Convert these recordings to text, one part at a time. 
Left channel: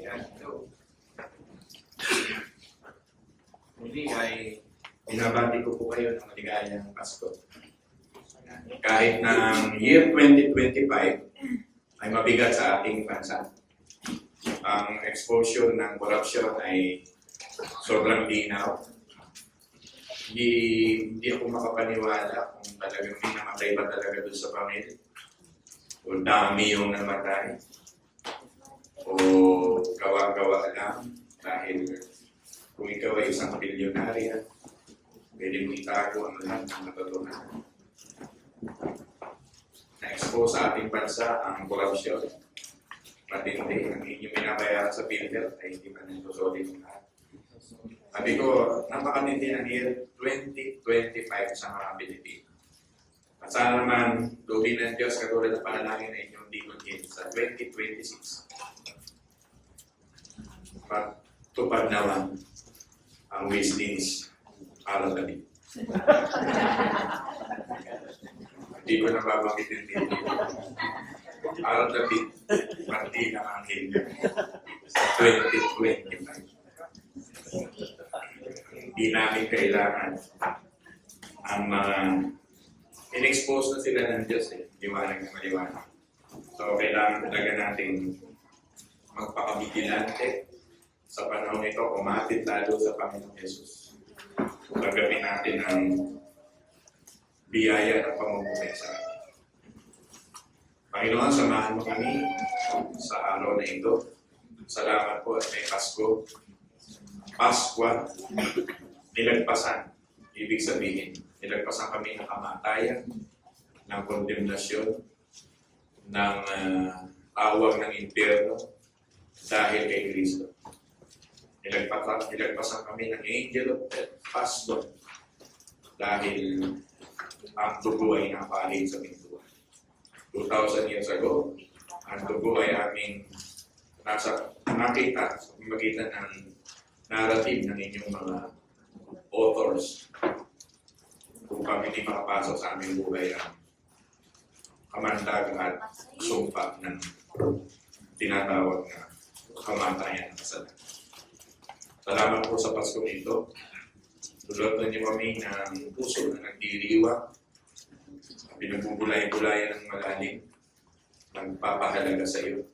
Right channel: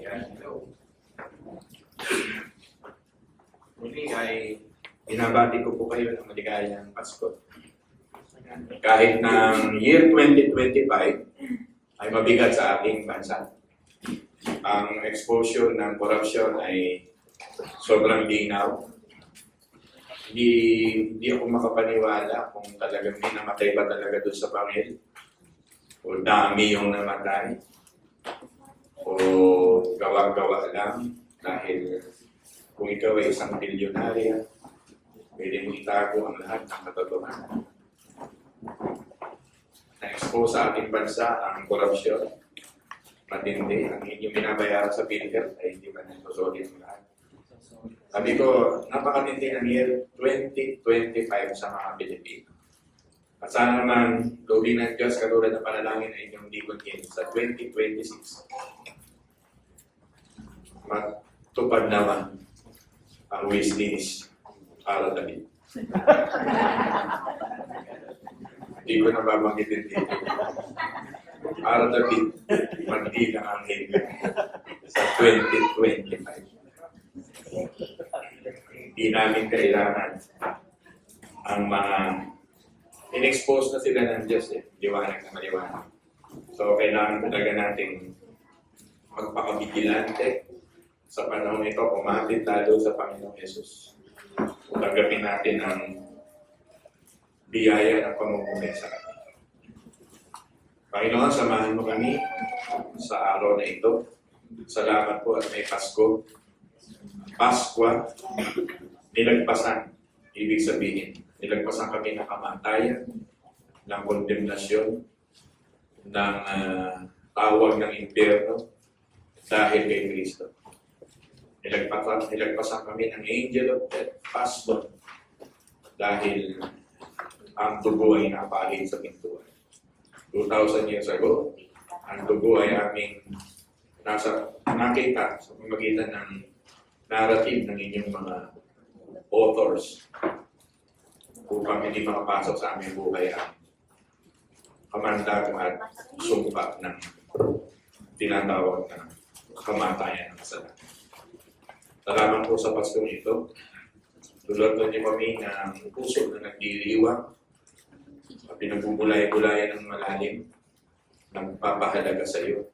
Yan. Muli ay binabati ko po kayo ng maligayang Pasko. Yan. Kahit ng year 2025 ay mabigat sa ating bansa. Ang exposure ng corruption ay sobrang linaw. Hindi ako makapaniwala kung talagang may namatay ba talaga doon sa pamilya. O dami yung namatay. O gawa-gawa lang dahil kung ikaw ay isang bilyonarya, pwede mo itago ang lahat ng katotohanan. Na-expose sa ating bansa ang korupsyon. Matindi. Ang inyong binabayaran sa PhilHealth ay hindi man nasusolid ang lahat. Sabi ko, napakatindi ng year 2025 sa mga Pilipino. At sana naman, lobby ng Diyos katulad ng panalangin na inyong ligotin sa 2026. Matupad naman ang wishlist para David. Hindi ko nababanggitin dito. Para David, mandi ng anghel sa 2025. Hindi namin kailangan ang mga in-expose na sila ng Diyos liwanag na maliwanag. So, kailangan talaga natin magpakabigilante sa panahon ito, kumapit lalo sa Panginoong Yesus. Tagapin natin ang biyaya ng pamumuhay sa atin. Panginoon, samahan mo kami sa araw na ito. Salamat po at may Pasko. Paskwa, nilagpasan. Ibig sabihin, nilagpasan kami ng kamatayan, ng kondemnasyon, ng tawag ng impyerno dahil kay Kristo. Nilagpasan kami ng angel of death, Pasko, dahil ang dugo ay napalid sa pintuan. 2,000 years ago, ang dugo ay aming nakita sa pamagitan ng narrative ng inyong mga authors upang hindi makapasok sa aming buhay ang kamandag at sumpa ng tinatawag na kamatayan ng kasalanan. Salamat po sa Paskong ito. Dulot niyo kami ng puso na nagdiriwang, pinagbubulay-bulayan ng malalim, nagpapahalaga sa iyo,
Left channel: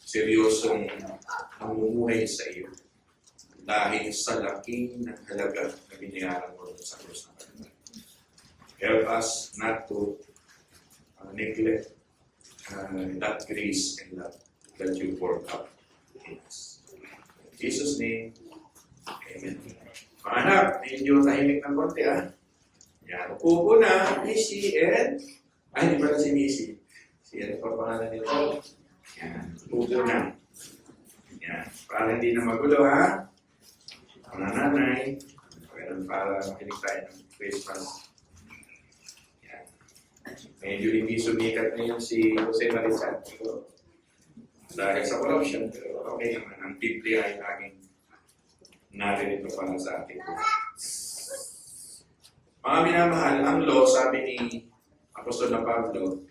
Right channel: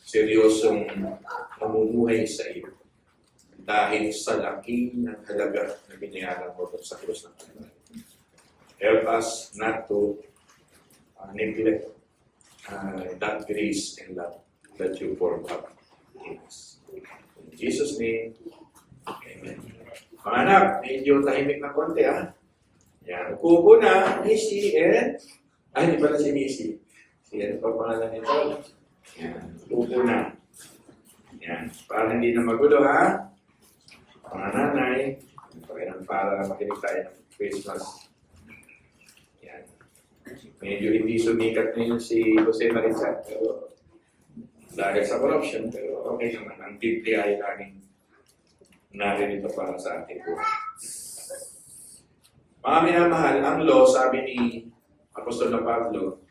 seryosong namumuhay sa iyo, dahil sa laki ng halaga na binayaran mo sa krus ng Panginoon. Help us not to neglect that grace and love that you poured out in us. In Jesus' name, Amen. Mga anak, medyo tahimik ng konti Yan, upo po na, Missy and... Ay, hindi pala si Missy. Si ano pa pangalan nito? Yan, upo na. Yan, para hindi na magulo mga nanay, para makinig tayo ng Christmas. Yan. Medyo hindi sumikat ngayon si Jose Marizal, pero dahil sa corruption, pero okay naman. Ang Biblia ay laging narin ito para sa ating buhay. Mga minamahal, ang law, sabi ni Apostol na Pablo,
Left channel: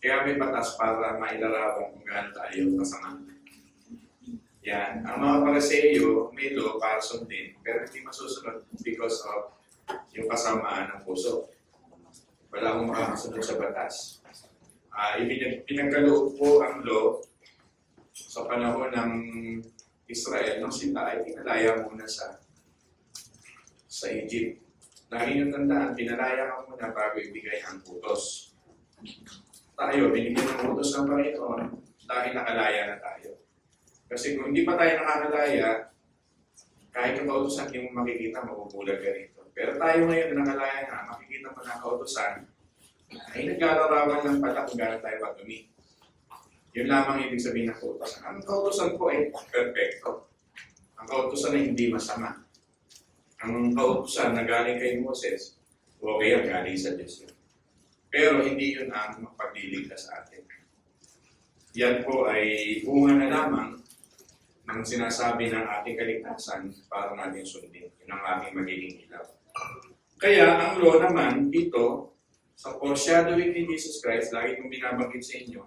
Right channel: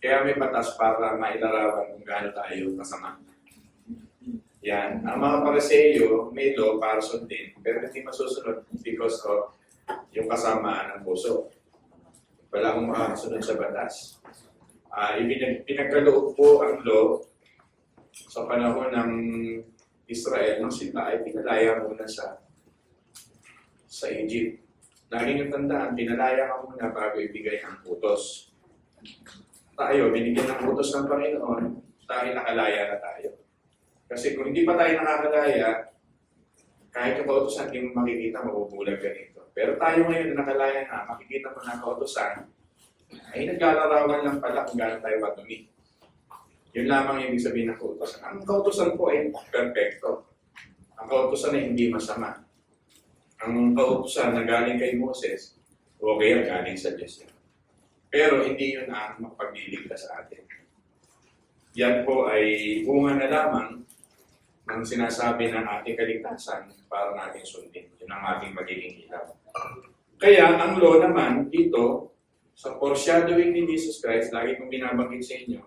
kaya may batas para mailarawan kung gaano tayo kasama. Yan. Ang mga Pariseyo, may law para sundin, pero hindi masusunod because of yung kasamaan ng puso. Wala akong makakasunod sa batas. Pinagkaloob po ang law sa panahon ng Israel, ng Sinai, ay pinalaya muna sa Egypt. Lagi niyong tandaan, pinalaya ka muna bago ibigay ang utos. Tayo, binigyan ng utos ng Panginoon dahil nakalaya na tayo. Kasi kung hindi pa tayo nakakalaya, kahit yung kautosan, hindi mo makikita, mabubulag ka rito. Pero tayo ngayon na nakalaya na, makikita mo na kautosan, ay naglalarawan lang pala kung gano'n tayo madumi. Yun lamang ibig sabihin ng kautosan. Ang kautosan po ay perfecto. Ang kautosan ay hindi masama. Ang kautosan na galing kay Moses, okay, galing sa Diyos yun. Pero hindi yun ang magpagliligtas sa atin. Yan po ay bunga na lamang ng sinasabi ng ating kaligtasan para natin sundin. Yun ang ating magiging ilaw. Kaya ang law naman dito, sa foreshadowing ni Jesus Christ, lagi kong binabanggit sa inyo,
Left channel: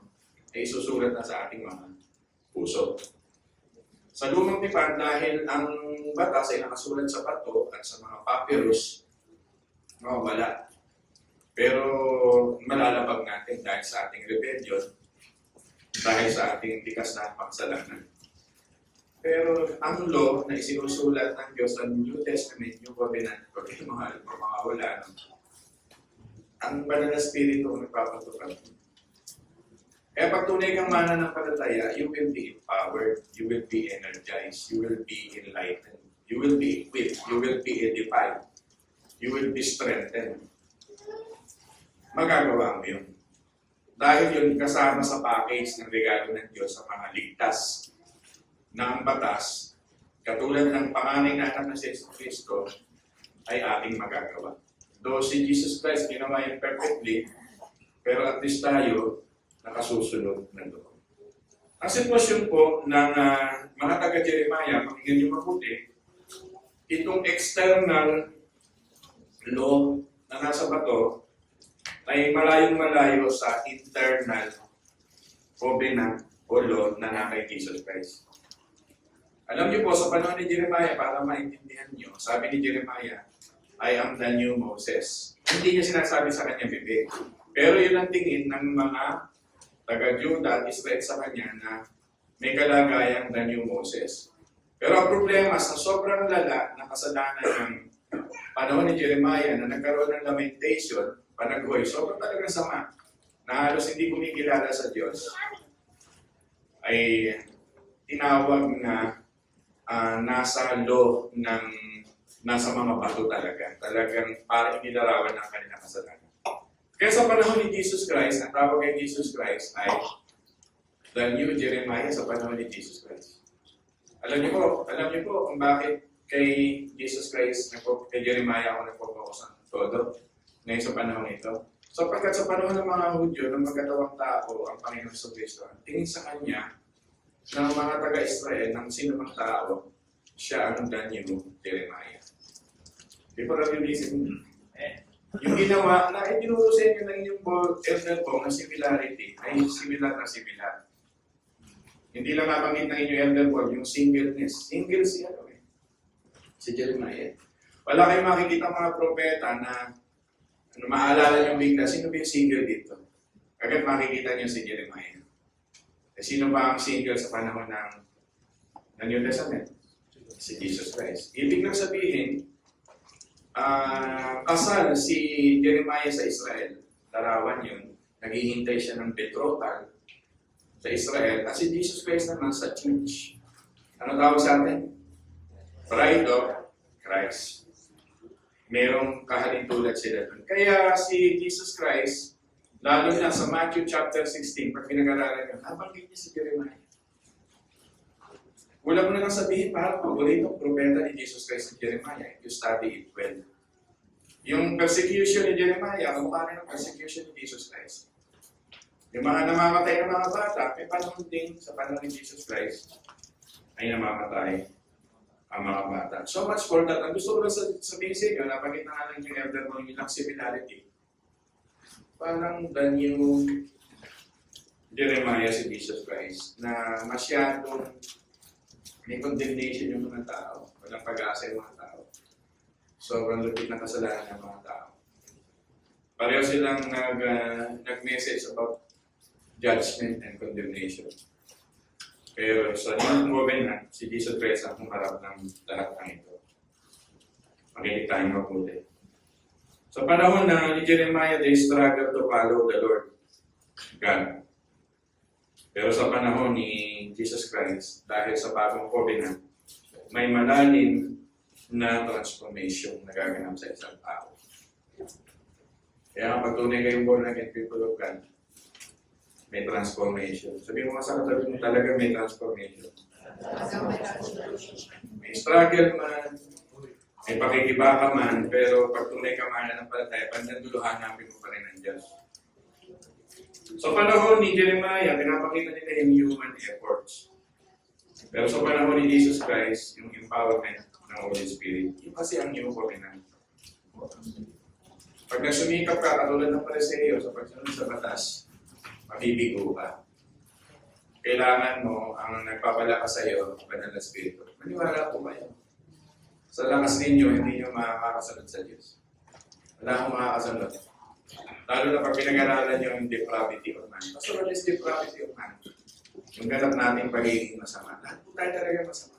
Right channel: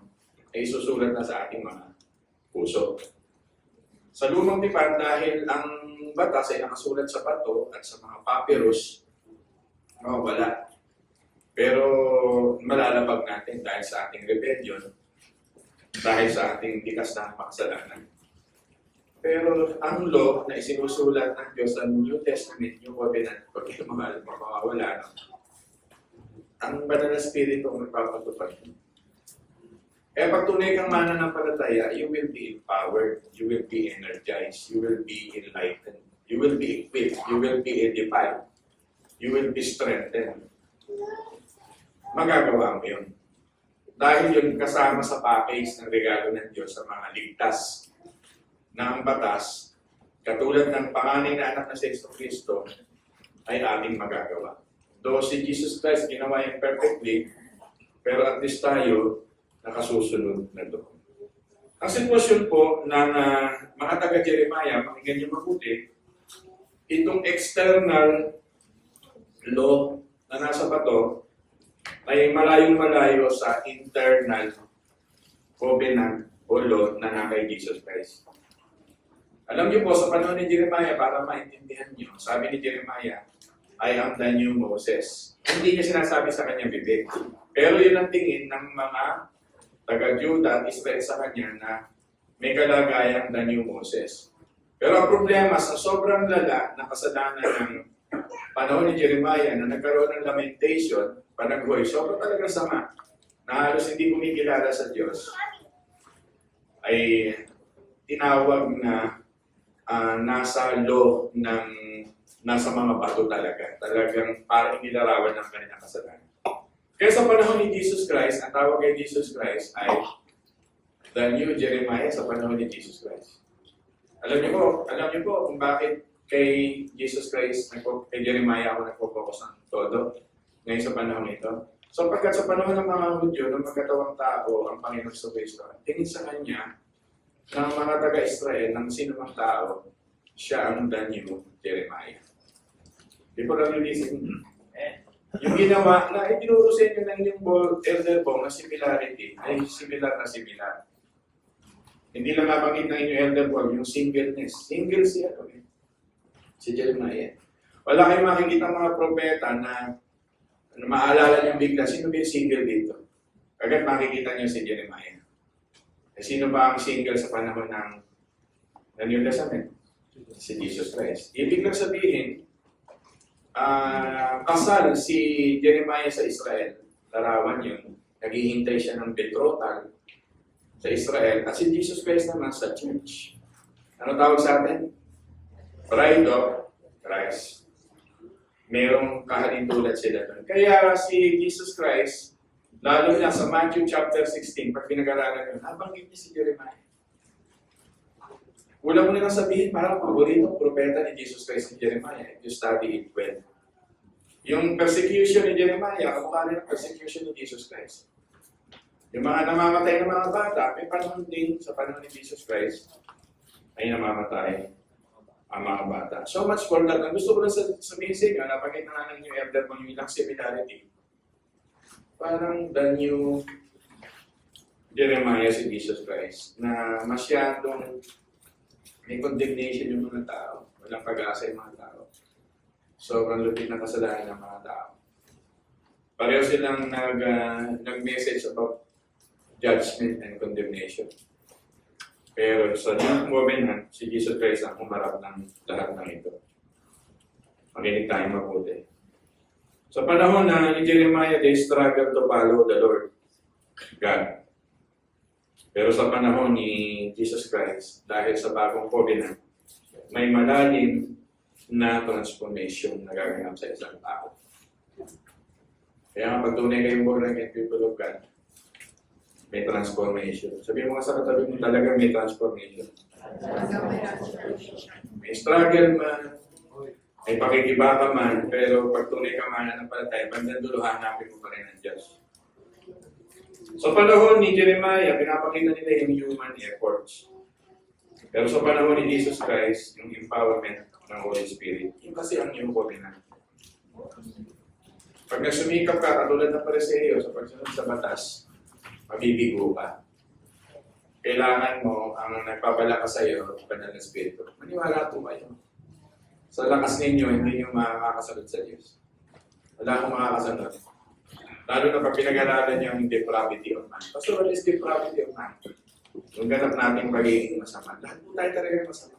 ay isusulat na sa ating mga puso. Sa lumang tipan, dahil ang batas ay nakasulat sa bato at sa mga papyrus, mawawala. Pero malalabag natin dahil sa ating rebellion, dahil sa ating tikas na pakasalanan. Pero ang law na isinusulat ng Diyos sa New Testament, New Covenant, pag ito mawawala, ang banal na spirito ang nagpapatupad. Kaya pag tunay kang mananampalataya, you will be empowered, you will be energized, you will be enlightened, you will be equipped, you will be edified, you will be strengthened. Magagawa mo yun. Dahil yun kasama sa package ng regalo ng Diyos sa mga ligtas na ang batas, katulad ng panganay na anak na si Kristo, ay ating magagawa. Though si Jesus Christ ginawa yan perfectly, pero at least tayo nakasusunod na doon. Ang sitwasyon po ng mga taga-Jeremiah, pakinggan niyo mabuti, itong external law na nasa bato ay malayong-malayo sa internal covenant o law na nasa kay Jesus Christ. Alam niyo po, sa panahon ni Jeremiah, para maintindihan niyo, sabi ni Jeremiah, I am the new Moses. Hindi niya sinasabi sa kanyang bibig. Pero yun ang tingin ng mga taga-Juda at Israel sa kanya na may kalagayang the new Moses. Pero ang problema sa sobrang lala na kasalanan ng panahon ni Jeremiah na nagkaroon ng lamentation, panaghoy, sobrang talaga sama, na halos hindi kumikilala sa Diyos, ay tinawag na nasa law ng nasa mga bato talaga. Talagang parang inilarawan ng kanilang kasalanan. Kaya sa panahon ni Jesus Christ, ang tawag kay Jesus Christ ay the new Jeremiah sa panahon ni Jesus Christ. Alam niyo po kung bakit kay Jesus Christ, kay Jeremiah ako nagpo-focus ng todo ngayon sa panahon ito. Sapagkat sa panahon ng mga Hudyo, ng magkatawang tao, ang Panginoon sa Kristo, tingin sa Kanya ng mga taga-Israel, ng sinumang tao, siya ang the new Jeremiah. Di po lang yung isip niyo. Yung ginawa na itinuro sa inyo ng inyong elder po na similarity ay similar na similar. Hindi lang nabanggit ng inyong elder po yung singleness. Single siya si Jeremiah. Wala kayong makikita mga propeta na maalala niyo bigla, sino ba yung single dito? Agad makikita niyo si Jeremiah. Sino ba ang single sa panahon ng New Testament? Si Jesus Christ. Ibig lang sabihin, kasal si Jeremiah sa Israel. Larawan yun. Naghihintay siya ng betrothal sa Israel. At si Jesus Christ naman sa church. Ano tawag sa atin? Bride of Christ. Merong kahalintulad sila doon. Kaya si Jesus Christ, lalo na sa Matthew chapter 16, pag pinag-aralan yun, nabanggit niya si Jeremiah. Wala mo na lang sabihin, parang paborito propeta ni Jesus Christ si Jeremiah, if you study it well. Yung persecution ni Jeremiah, kamukha rin ang persecution ni Jesus Christ. Yung mga namamatay ng mga bata, may panahon din sa panahon ni Jesus Christ ay namamatay ang mga bata. So much for that. Ang gusto ko lang sabihin sa inyo, napakita na lang yung elder mo yung ilang similarity. Parang the new Jeremiah si Jesus Christ na masyadong may condemnation yung mga tao. Walang pag-asa yung mga tao. Sobrang lupit na kasalanan ng mga tao. Pareho silang nag-message about judgment and condemnation. Pero sa New Covenant, si Jesus Christ ang humarap ng lahat ng ito. Makinig tayo mabuti. Sa panahon na ni Jeremiah, they struggled to follow the Lord God. Pero sa panahon ni Jesus Christ, dahil sa bagong covenant, may malalim na transformation na gaganap sa isang tao. Kaya pag tunay kayong born again people of God, may transformation. Sabi mo nga sa katabi mo, talagang may transformation. May struggle man, may pakikibaka man, pero pag tunay ka mananampalataya, bandanduluhan namin mo pa rin ang Diyos. Sa panahon ni Jeremiah, pinapakita nila yung human efforts. Pero sa panahon ni Jesus Christ, yung empowerment ng Holy Spirit, yung kasi ang new covenant. Pag nagsumikap ka, katulad ng Pariseo sa pagsunod sa batas, mabibigo ka. kailangan mo, ang nagpapalakas sa iyo, ang kanyang espiritu. Maniwala po kayo. Sa lakas ninyo, hindi nyo makakasunod sa Diyos. Wala akong makakasunod. Lalo na pag pinag-aralan nyo yung depravity of man. Pastor, what is depravity of man? Yung ganap natin pagiging masama. Lahat po tayo talaga masama.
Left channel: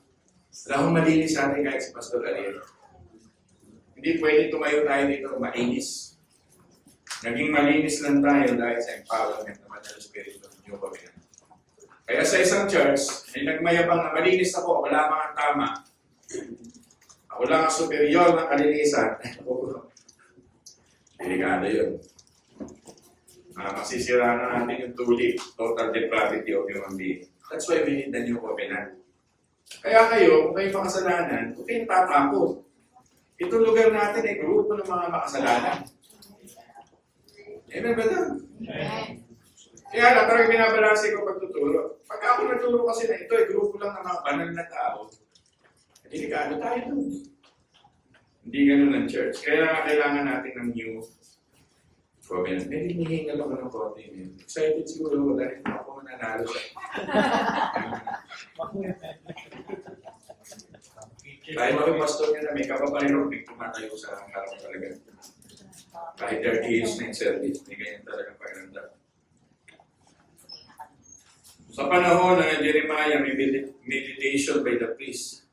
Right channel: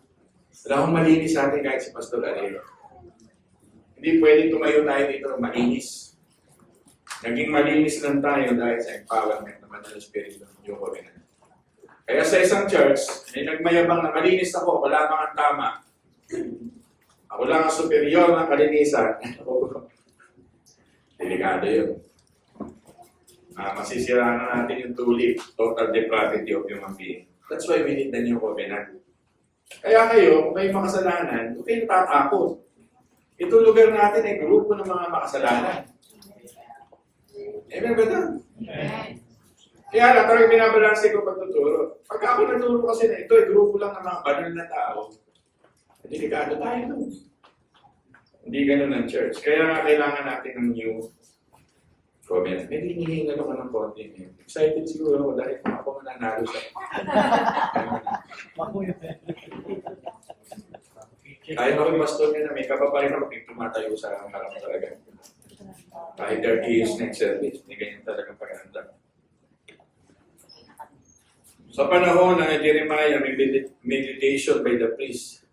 Wala akong malinis sa atin kahit si Pastor Ariel. Hindi pwede tumayo tayo dito malinis. Naging malinis lang tayo dahil sa empowerment naman ng Espiritu ng Diyos. Kaya sa isang church, may nagmayabang na malinis ako, wala mga tama. Ako lang ang superior ng kalinisan. Delikado yun. Masisira na natin yung tulip, total depravity of human being. That's why we need the new covenant. Kaya kayo, kung kayo makasalanan, huwag kayong tatakot. Itong lugar natin ay grupo ng mga makasalanan. Amen ba doon? Kaya lang, parang binabalansin ko pagtuturo. Pag ako naturo kasi na ito, grupo lang ng mga banal na tao. Delikado tayo doon. Hindi ganun ang church. Kaya nga kailangan natin ng new covenant. May hinihingal ako ng konti. Excited siguro ako dahil ako mananalo siya. Kahit ako yung pastor niya na may kapaparin ako, tumatayo sa harap talaga. Kahit 30 years na yung service, hindi ganyan talagang pagkakanda. Sa panahon na Jeremiah, may meditation by the priest.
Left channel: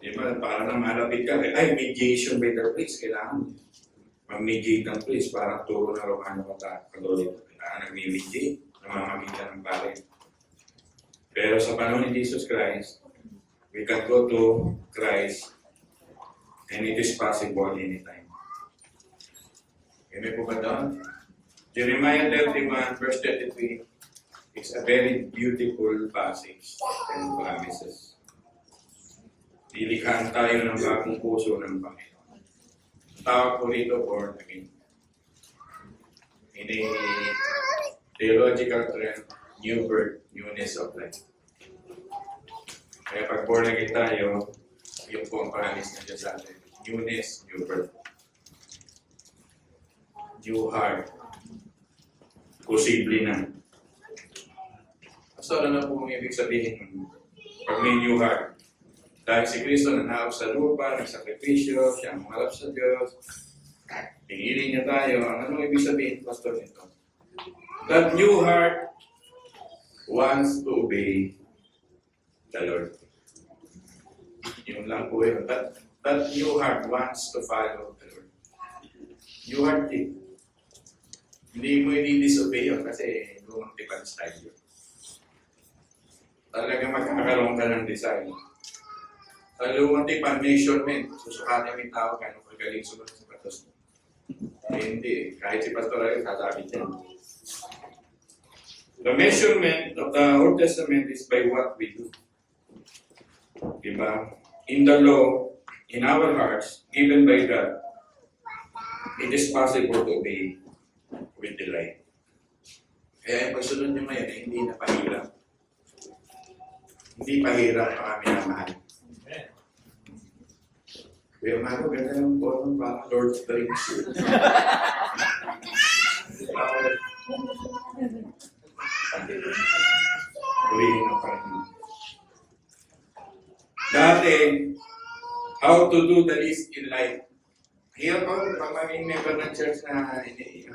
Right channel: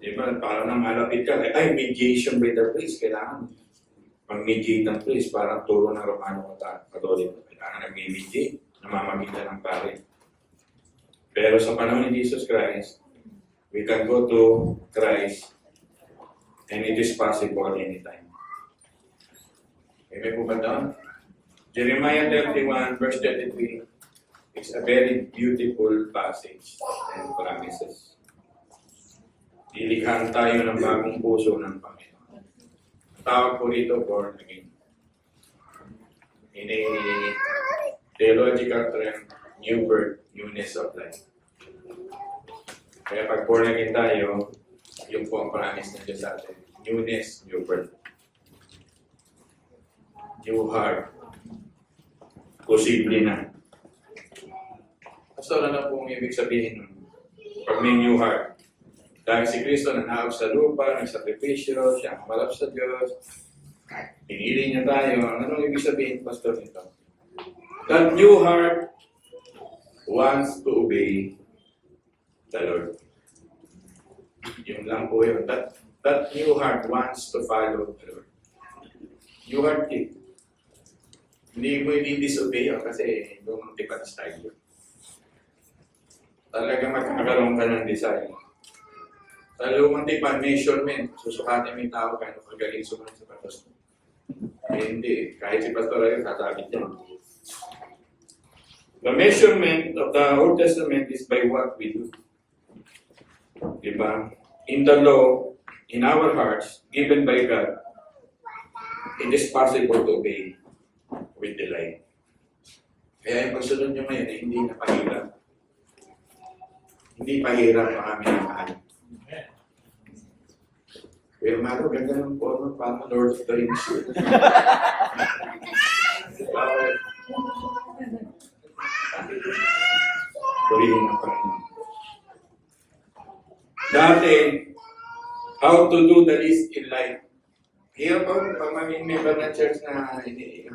Di ba? Parang nang malapit ka, ay, mediation by the priest. Kailangan mag-mediate ng priest para turo ng Romano Catholic. Kailangan nag-mediate, namamagitan ng pare. Pero sa panahon ni Jesus Christ, we can go to Christ and it is possible anytime. May po ba doon? Jeremiah 31 verse 33 is a very beautiful passage and promises. Lilikhaan tayo ng bagong puso ng Panginoon. Tawag po rito born again. In a theological term, new birth, newness of life. Kaya pag born again tayo, yung po ang promise na Diyos sa atin. Newness, new birth. New heart. Posible na. So, ano po ang ibig sabihin pag may new heart? Dahil si Kristo nanahawag sa lupa, nagsakripisyo, siya ang malap sa Diyos, pinili niya tayo. Anong ibig sabihin, Pastor, nito? That new heart wants to obey the Lord. Yun lang po yun. That new heart wants to follow the Lord. New heart din. Hindi mo i-disobey yun kasi doon tipan style yun. Talaga magkakaroon ka ng design. Sa lumang tipan, measurement. Susukatin mo yung tao kung magaling sumunod sa patos mo. Hindi. Kahit si Pastor Ariel, kasabit yan. The measurement of the Old Testament is by what we do. Diba? In the law, in our hearts, given by God, it is possible to obey with delight. Kaya yung pagsunod nyo ngayon, hindi na pahirap. Hindi pahirap ang aming mahal. Pero malo, ganda ng porno, parang Lord of the Rings. Purihin ang Panginoon. Dati, how to do the least in life. Here po, pag maging member ng church na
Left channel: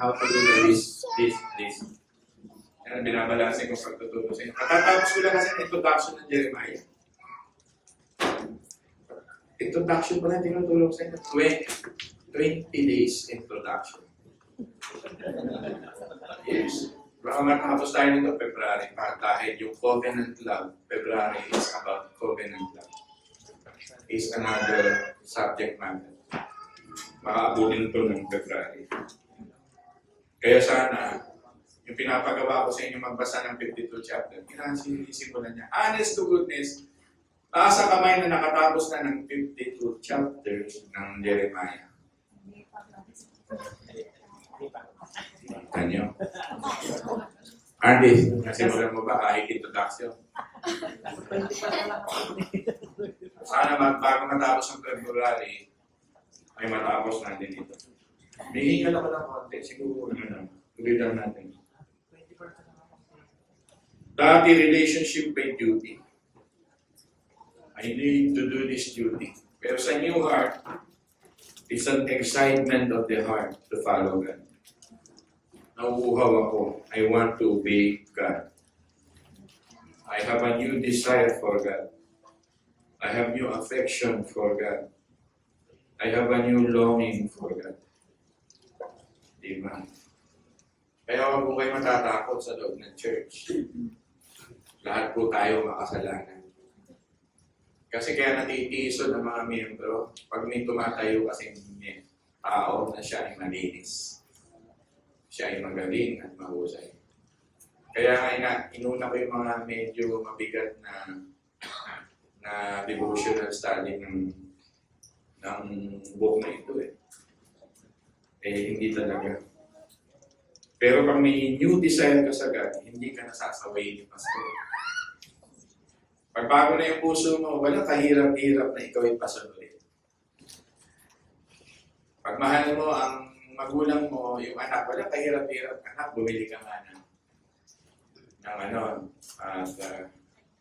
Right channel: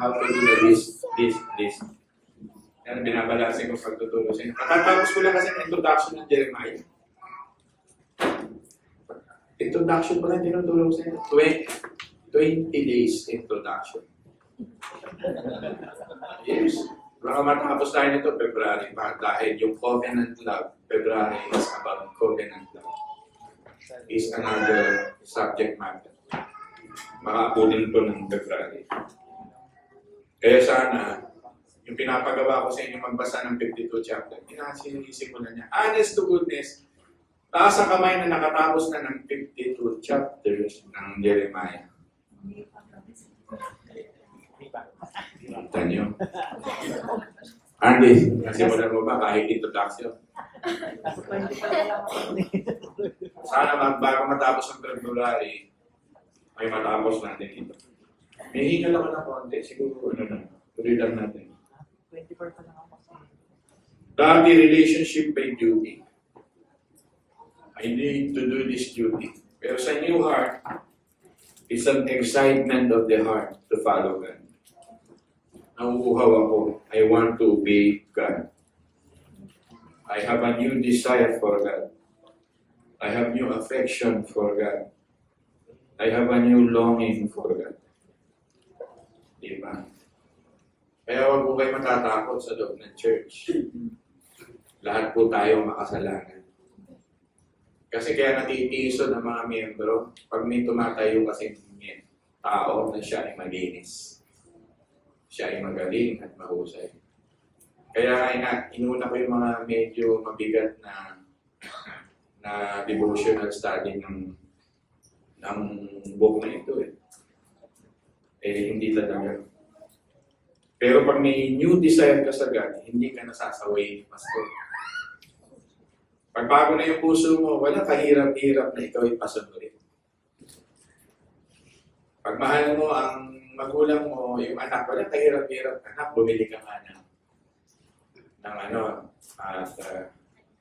how to do the least. Yan, binabalasin ko pagtuturo sa inyo. Katatapos ko lang kasi ang introduction ng Jeremiah. Introduction ko lang, tinutulong sa inyo. 20 days introduction. Yes. Baka matapos tayo nito February dahil yung covenant love, February is about covenant love. Is another subject matter. Makaabutin po ng February. Kaya sana, yung pinapagawa ko sa inyo magbasa ng 52 chapter, sinisimulan niya. Honest to goodness, taas sa kamay na nakatapos na ng 52 chapters ng Jeremiah. Kita niyo? Andy, nasimulan mo ba kahit introduction? Sana bago matapos ang February, ay matapos natin ito. May hingal ako ng konti, siguro ano na, ulitan natin. Dati relationship by duty. I need to do this duty. Pero sa new heart, it's an excitement of the heart to follow God. Nauuhaw ako. I want to obey God. I have a new desire for God. I have new affection for God. I have a new longing for God. Diba? Kaya huwag po kayo matatakot sa loob ng church. Lahat po tayo makasalanan. Kasi kaya natitiso ng mga miyembro, pag may tumatayo kasing tao na siya ay malinis. Siya ay magaling at mahusay. Kaya inuna ko yung mga medyo mabigat na devotional study ng book na ito hindi talaga. Pero pag may new desire ka sa God, hindi ka nasasaway ni Pastor. Pag bago na yung puso mo, wala kahirap-hirap na ikaw ay pasunurin. Pag mahal mo ang magulang mo, yung anak, wala kahirap-hirap. Anak, bumili ka nga ng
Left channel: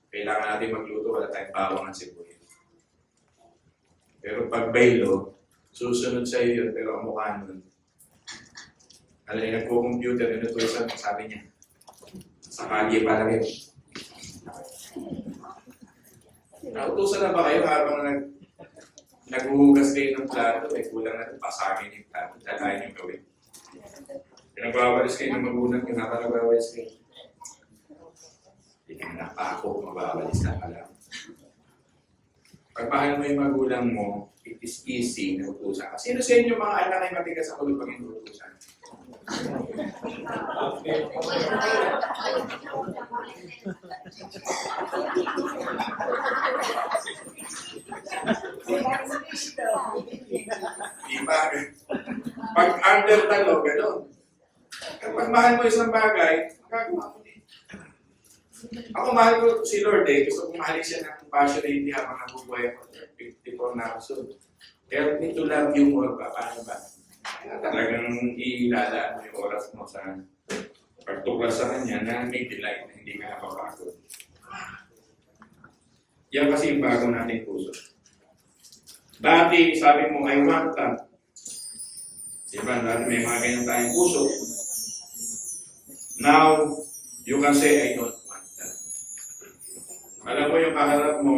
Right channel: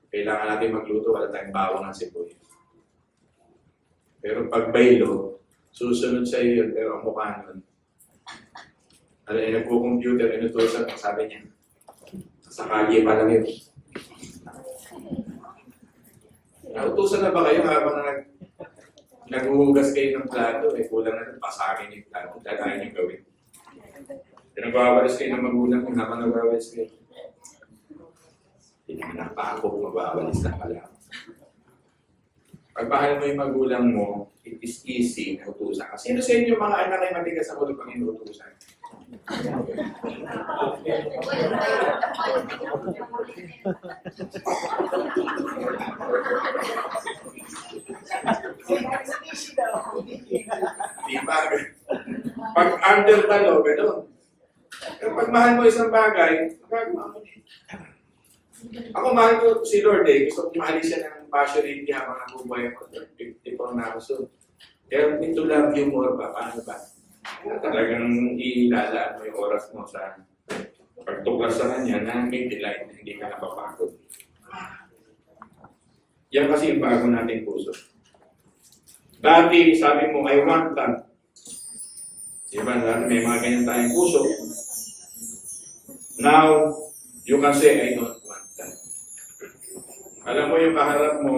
kailangan natin magluto, wala tayong bawang ng sibuyas. Pero pag baylo, susunod sa iyo, pero ang mukha nun, nagko-computer, inutusan, sabi niya, sa kalye pa lang yun. Nautusan na ba kayo habang naghuhugas kayo ng plato, kulang na pasagin yung plato, dalayan yung gawin. Nagwawalis kayo ng magulang yung habang nagwawalis kayo. Hindi na pa ako magwawalis na pala. Pag mahal mo yung magulang mo, it is easy na utusan. Sino sa inyo mga anak ay matigas sa ulo pag inutusan? Di ba? Pag under talo, gano'n. Pero pag mahal mo isang bagay, magagawa mo din. Ako mahal ko si Lord gusto kong mahalin siya ng passionate habang nabubuhay ako. 54 na ako so. Pero need to love you more ba? Paano ba? Talagang ilalaan mo yung oras mo sa pagtuklas sa kanya na may delight na hindi ka napapagod. Yan kasi yung bago nating puso. Dati, sabi mo, I want that. Diba? Dati may mga ganyan tayong puso. Now, you can say, I don't want that. Alam mo yung kaharap mo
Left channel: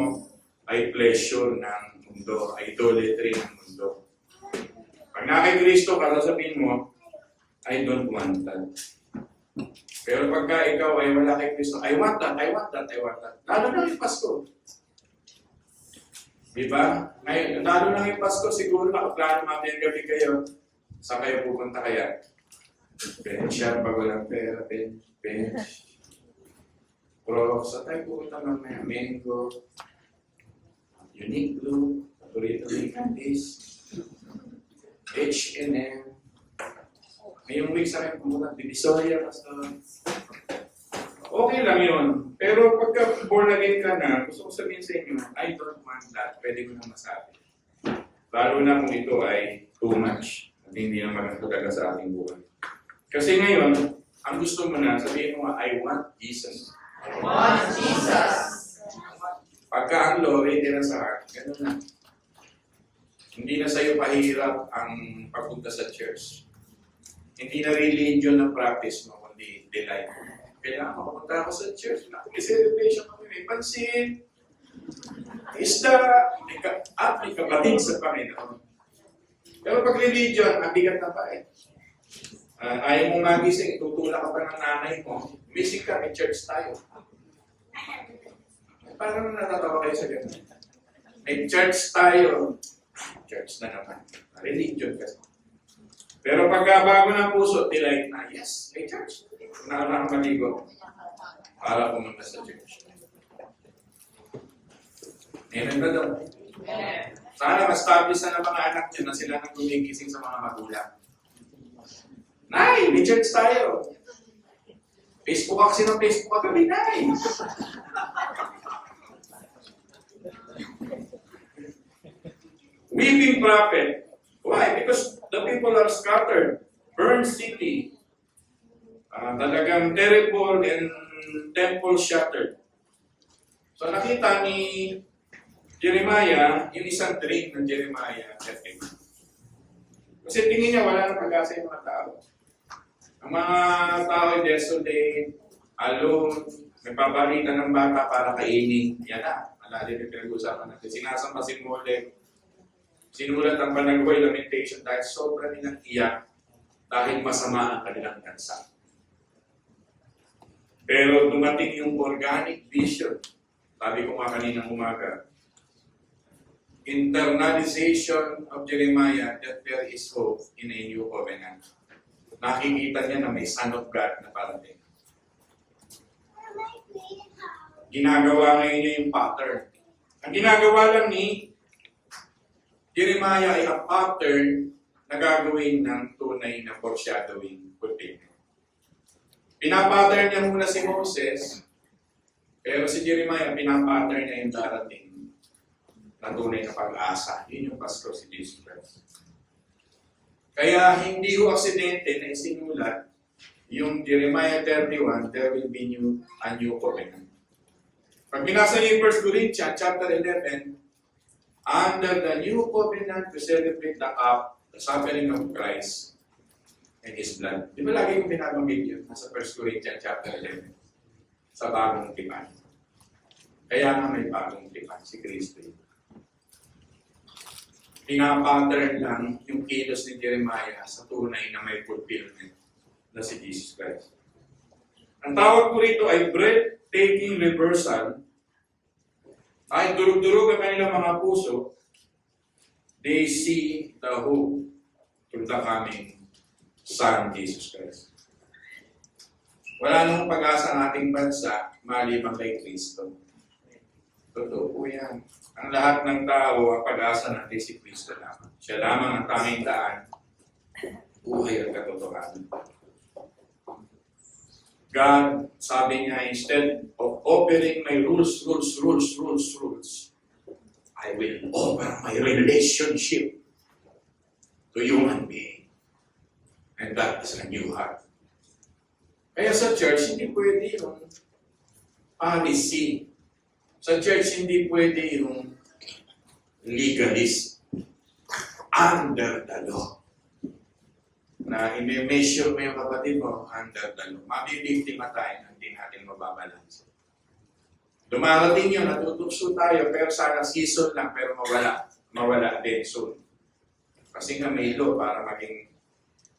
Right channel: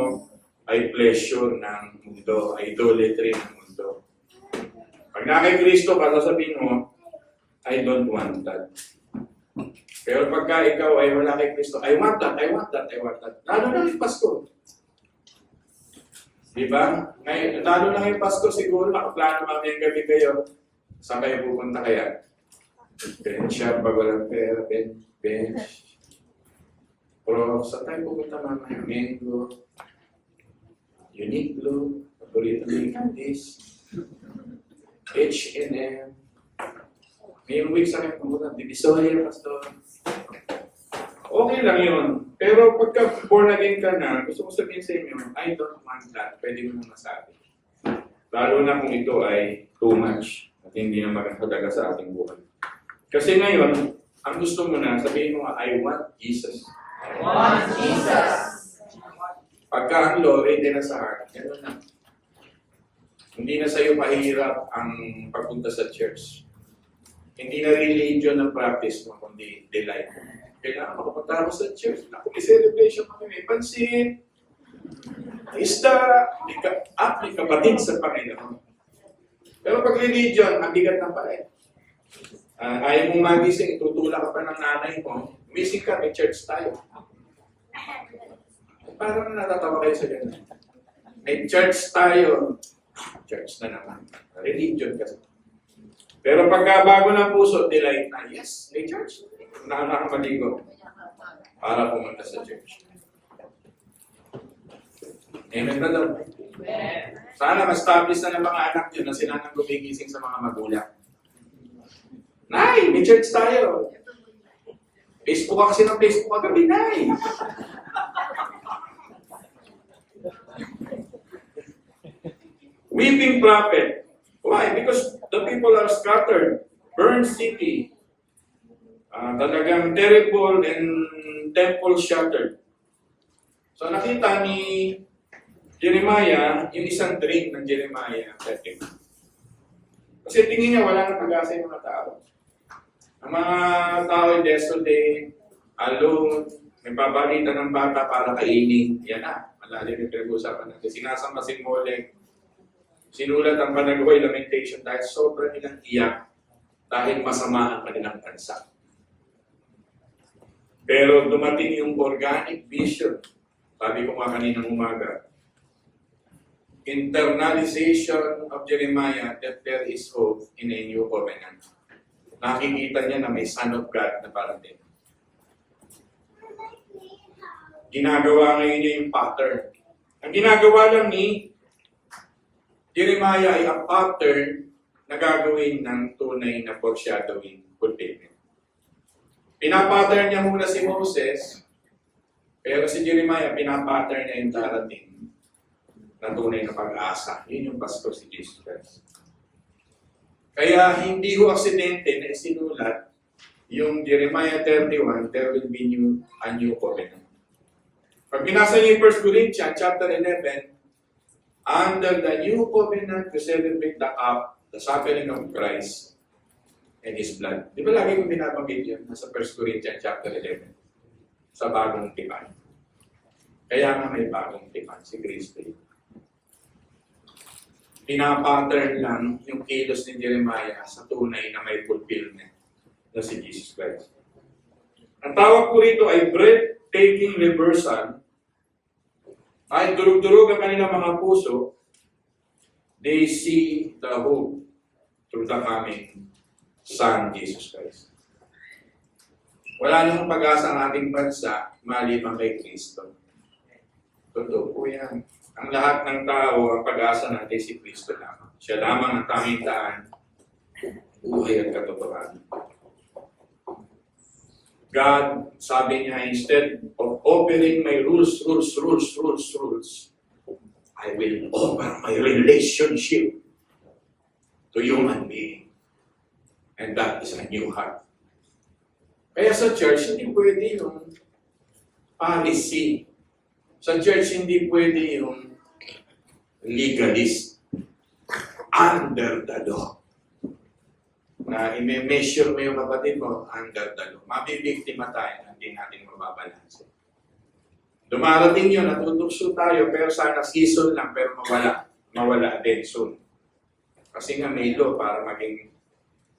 ay pleasure ng mundo, idolatry ng mundo. Pag na kay Kristo, sasabihin mo, I don't want that. Pero pagka ikaw ay wala kay Kristo, I want that, I want that, I want that. Lalo na yung Pasko. Diba? Ngayon, lalo na yung Pasko, siguro nakaplano mamayang gabi kayo. Saan kayo pupunta kaya? Siya, pag walang pera, bench. Pero saan tayo pupunta mamaya? Mango, Uniqlo, paborito ng candies, H&M. Ngayong week sa akin pumunta, Divisoria, Pastor. Okay lang yun. Pero pagka born again ka na, gusto ko sabihin sa inyo, I don't want that. Pwede mo nang masabi. Lalo na kung ito ay too much at hindi na magkakagaga sa ating buhay. Kasi ngayon, ang gusto mo na, sabihin mo, I want Jesus. I want Jesus. Pagka ang law, ready na sa heart, gano'n na. Hindi na sa'yo pahirap ang pagpunta sa church. Hindi na religion ang practice mo, kundi delight mo. Kaya makapunta ako sa church, may celebration kami, may pansin, isda, may kabatid sa Panginoon. Pero pag religion, ang bigat na pa ayaw mong magising, itutulak ka pa ng nanay mo, umising ka, may church tayo. Parang natatawa kayo sa ganun. May church tayo. Church na naman. Religion kasi. Pero pagka bago ng puso, delight na, yes, may church. Nakamaligo. Para pumunta sa church. Amen ba daw? Sana ma-establish na ng mga anak nyo na sila nang gumigising sa mga magulang. Nay, may church tayo. Facebook kasi ng Facebook kagabi, Nay. Weeping prophet. Why? Because the people are scattered. Burned city. Talagang terrible and temple shattered. So nakita ni Jeremiah, yung isang dream ng Jeremiah 30. Kasi tingin niya wala nang pag-asa yung mga tao. Ang mga tao ay desolate, alone, nagpaparita ng bata para kainin. Yan na, malalim yung pinag-uusapan natin. Sinasamasin mo ulit. Sinulat ang Panagaway Lamentation dahil sobrang nilang iyak dahil masama ang kanilang bansa. Pero dumating yung organic vision. Sabi ko nga kaninang umaga, internalization of Jeremiah that there is hope in a new covenant. Nakikita niya na may Son of God na parating. Ginagawa ngayon niya yung pattern. Ang ginagawa lang ni Jeremiah ay ang pattern na gagawin ng tunay na foreshadowing fulfillment. Pinapattern niya muna si Moses, pero si Jeremiah, pinapattern niya yung darating na tunay na pag-asa. Yun yung Pasko si Jesus Christ. Kaya hindi ho aksidente na isinulat yung Jeremiah 31, there will be a new covenant. Pag binasa niyo yung 1 Corinthians chapter 11, under the new covenant, we celebrate the cup, the suffering of Christ and His blood. Di ba lagi yung binabanggit yun? Nasa 1 Corinthians chapter 11. Sa bagong tipan. Kaya nga may bagong tipan, si Kristo. Pinapattern lang yung kilos ni Jeremiah sa tunay na may fulfillment na si Jesus Christ. Ang tawag ko rito ay breathtaking reversal. Kahit durug-durug ang kanilang mga puso, they see the hope through the coming Son, Jesus Christ. Wala namang pag-asa ang ating bansa maliban kay Kristo. Totoo po yan. Ang lahat ng tao, ang pag-asa natin si Kristo lamang. Siya lamang ang tanging daan, buhay at katotohanan. God, sabi niya, instead of offering my rules, I will offer my relationship to human being. And that is a new heart. Kaya sa church, hindi pwede yung policy. Sa church, hindi pwede yung legalist under the law. Na i-measure mo yung kapatid mo under the law. Mabibiktima tayo na hindi natin mababalansin. Dumarating yun, natutugso tayo, pero sana season lang, pero mawala din soon. Kasi nga may law para maging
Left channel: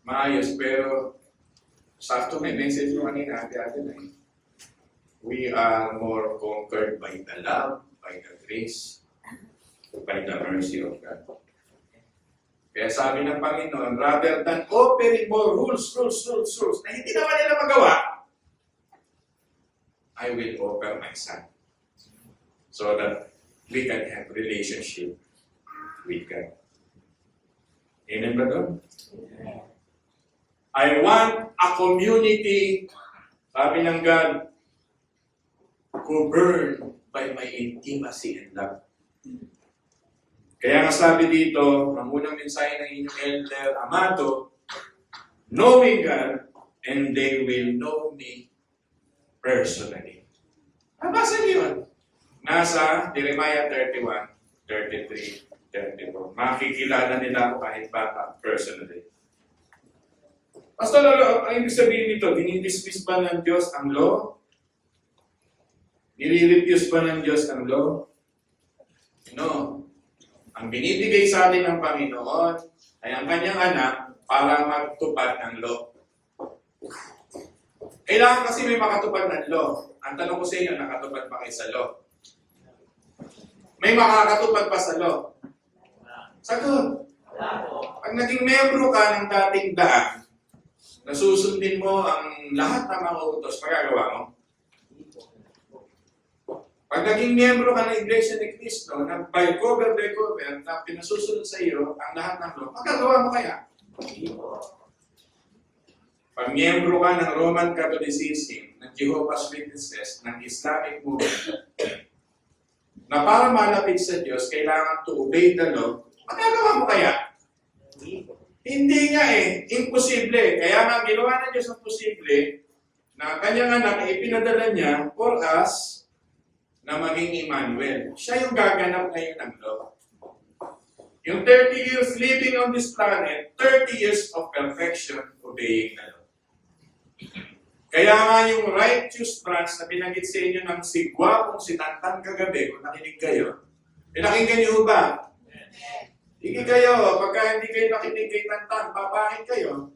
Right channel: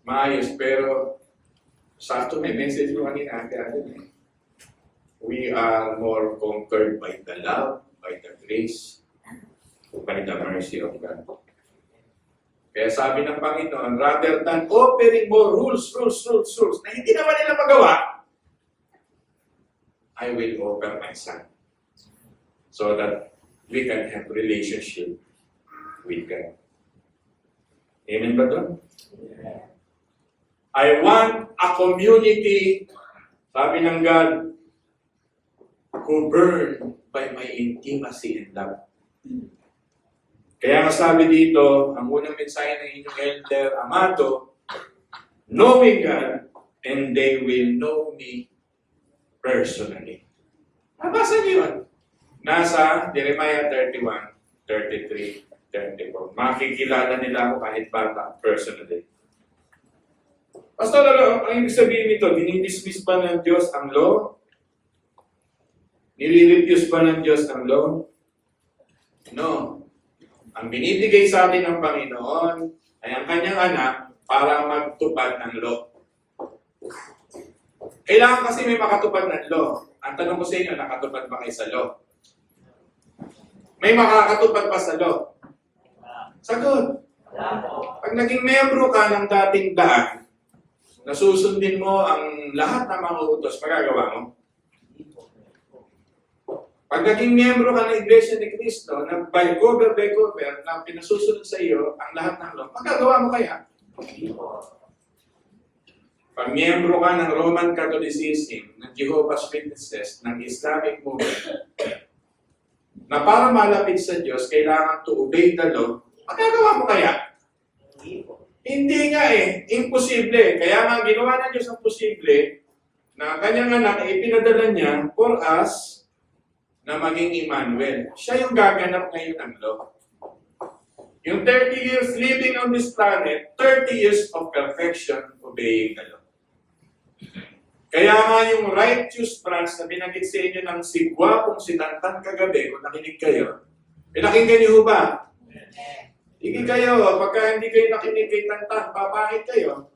maayos, pero sakto may message mo kanina, we are more conquered by the love, by the grace, by the mercy of God. Kaya sabi ng Panginoon, rather than offering more rules, na hindi naman nila magawa, I will offer my Son. So that we can have relationship with God. Amen ba doon? Yeah. I want a community, sabi ng God, who burn by my intimacy and love. Kaya nga sabi dito, ang unang mensahe ng inyong elder, Amado, knowing God, and they will know me personally. Nabasa niyo yun? Nasa Jeremiah 31, 33, 34. Makikilala nila ako kahit bata, personally. Pastor, ang ibig sabihin nito, dinidismiss ba ng Diyos ang law? Nire-refuse ba ng Diyos ang law? No. Ang binibigay sa atin ng Panginoon ay ang kanyang anak para magtupad ng law. Kailangan kasi may makatupad ng law. Ang tanong ko sa inyo, nakatupad ba kayo sa law? May makakatupad pa sa law? Sagot. Pag naging membro ka ng dating daan, nasusundin mo ang lahat ng mga utos, magagawa mo? Pag naging miyembro ka ng Iglesia ni Cristo, na by cover, na pinasusunod sa iyo ang lahat ng law, magagawa mo kaya? Pag miyembro ka ng Roman Catholicism, ng Jehovah's Witnesses, ng Islamic movement, na para malapit sa Diyos, kailangan to obey the law, magagawa mo kaya? Hindi nga eh. Imposible. Kaya nga ang ginawa ng Diyos ang posible na kanyang anak ay ipinadala niya for us na maging Emmanuel. Siya yung gaganap ngayon ng law. Yung 30 years living on this planet, 30 years of perfection obeying the law. Kaya nga yung righteous branch na binanggit sa inyo ng sigwa kung sinantan kagabi, kung nakinig kayo, pinakinggan niyo ba? Hindi kayo, pagka hindi kayo nakinig kay Tantan, papakit kayo.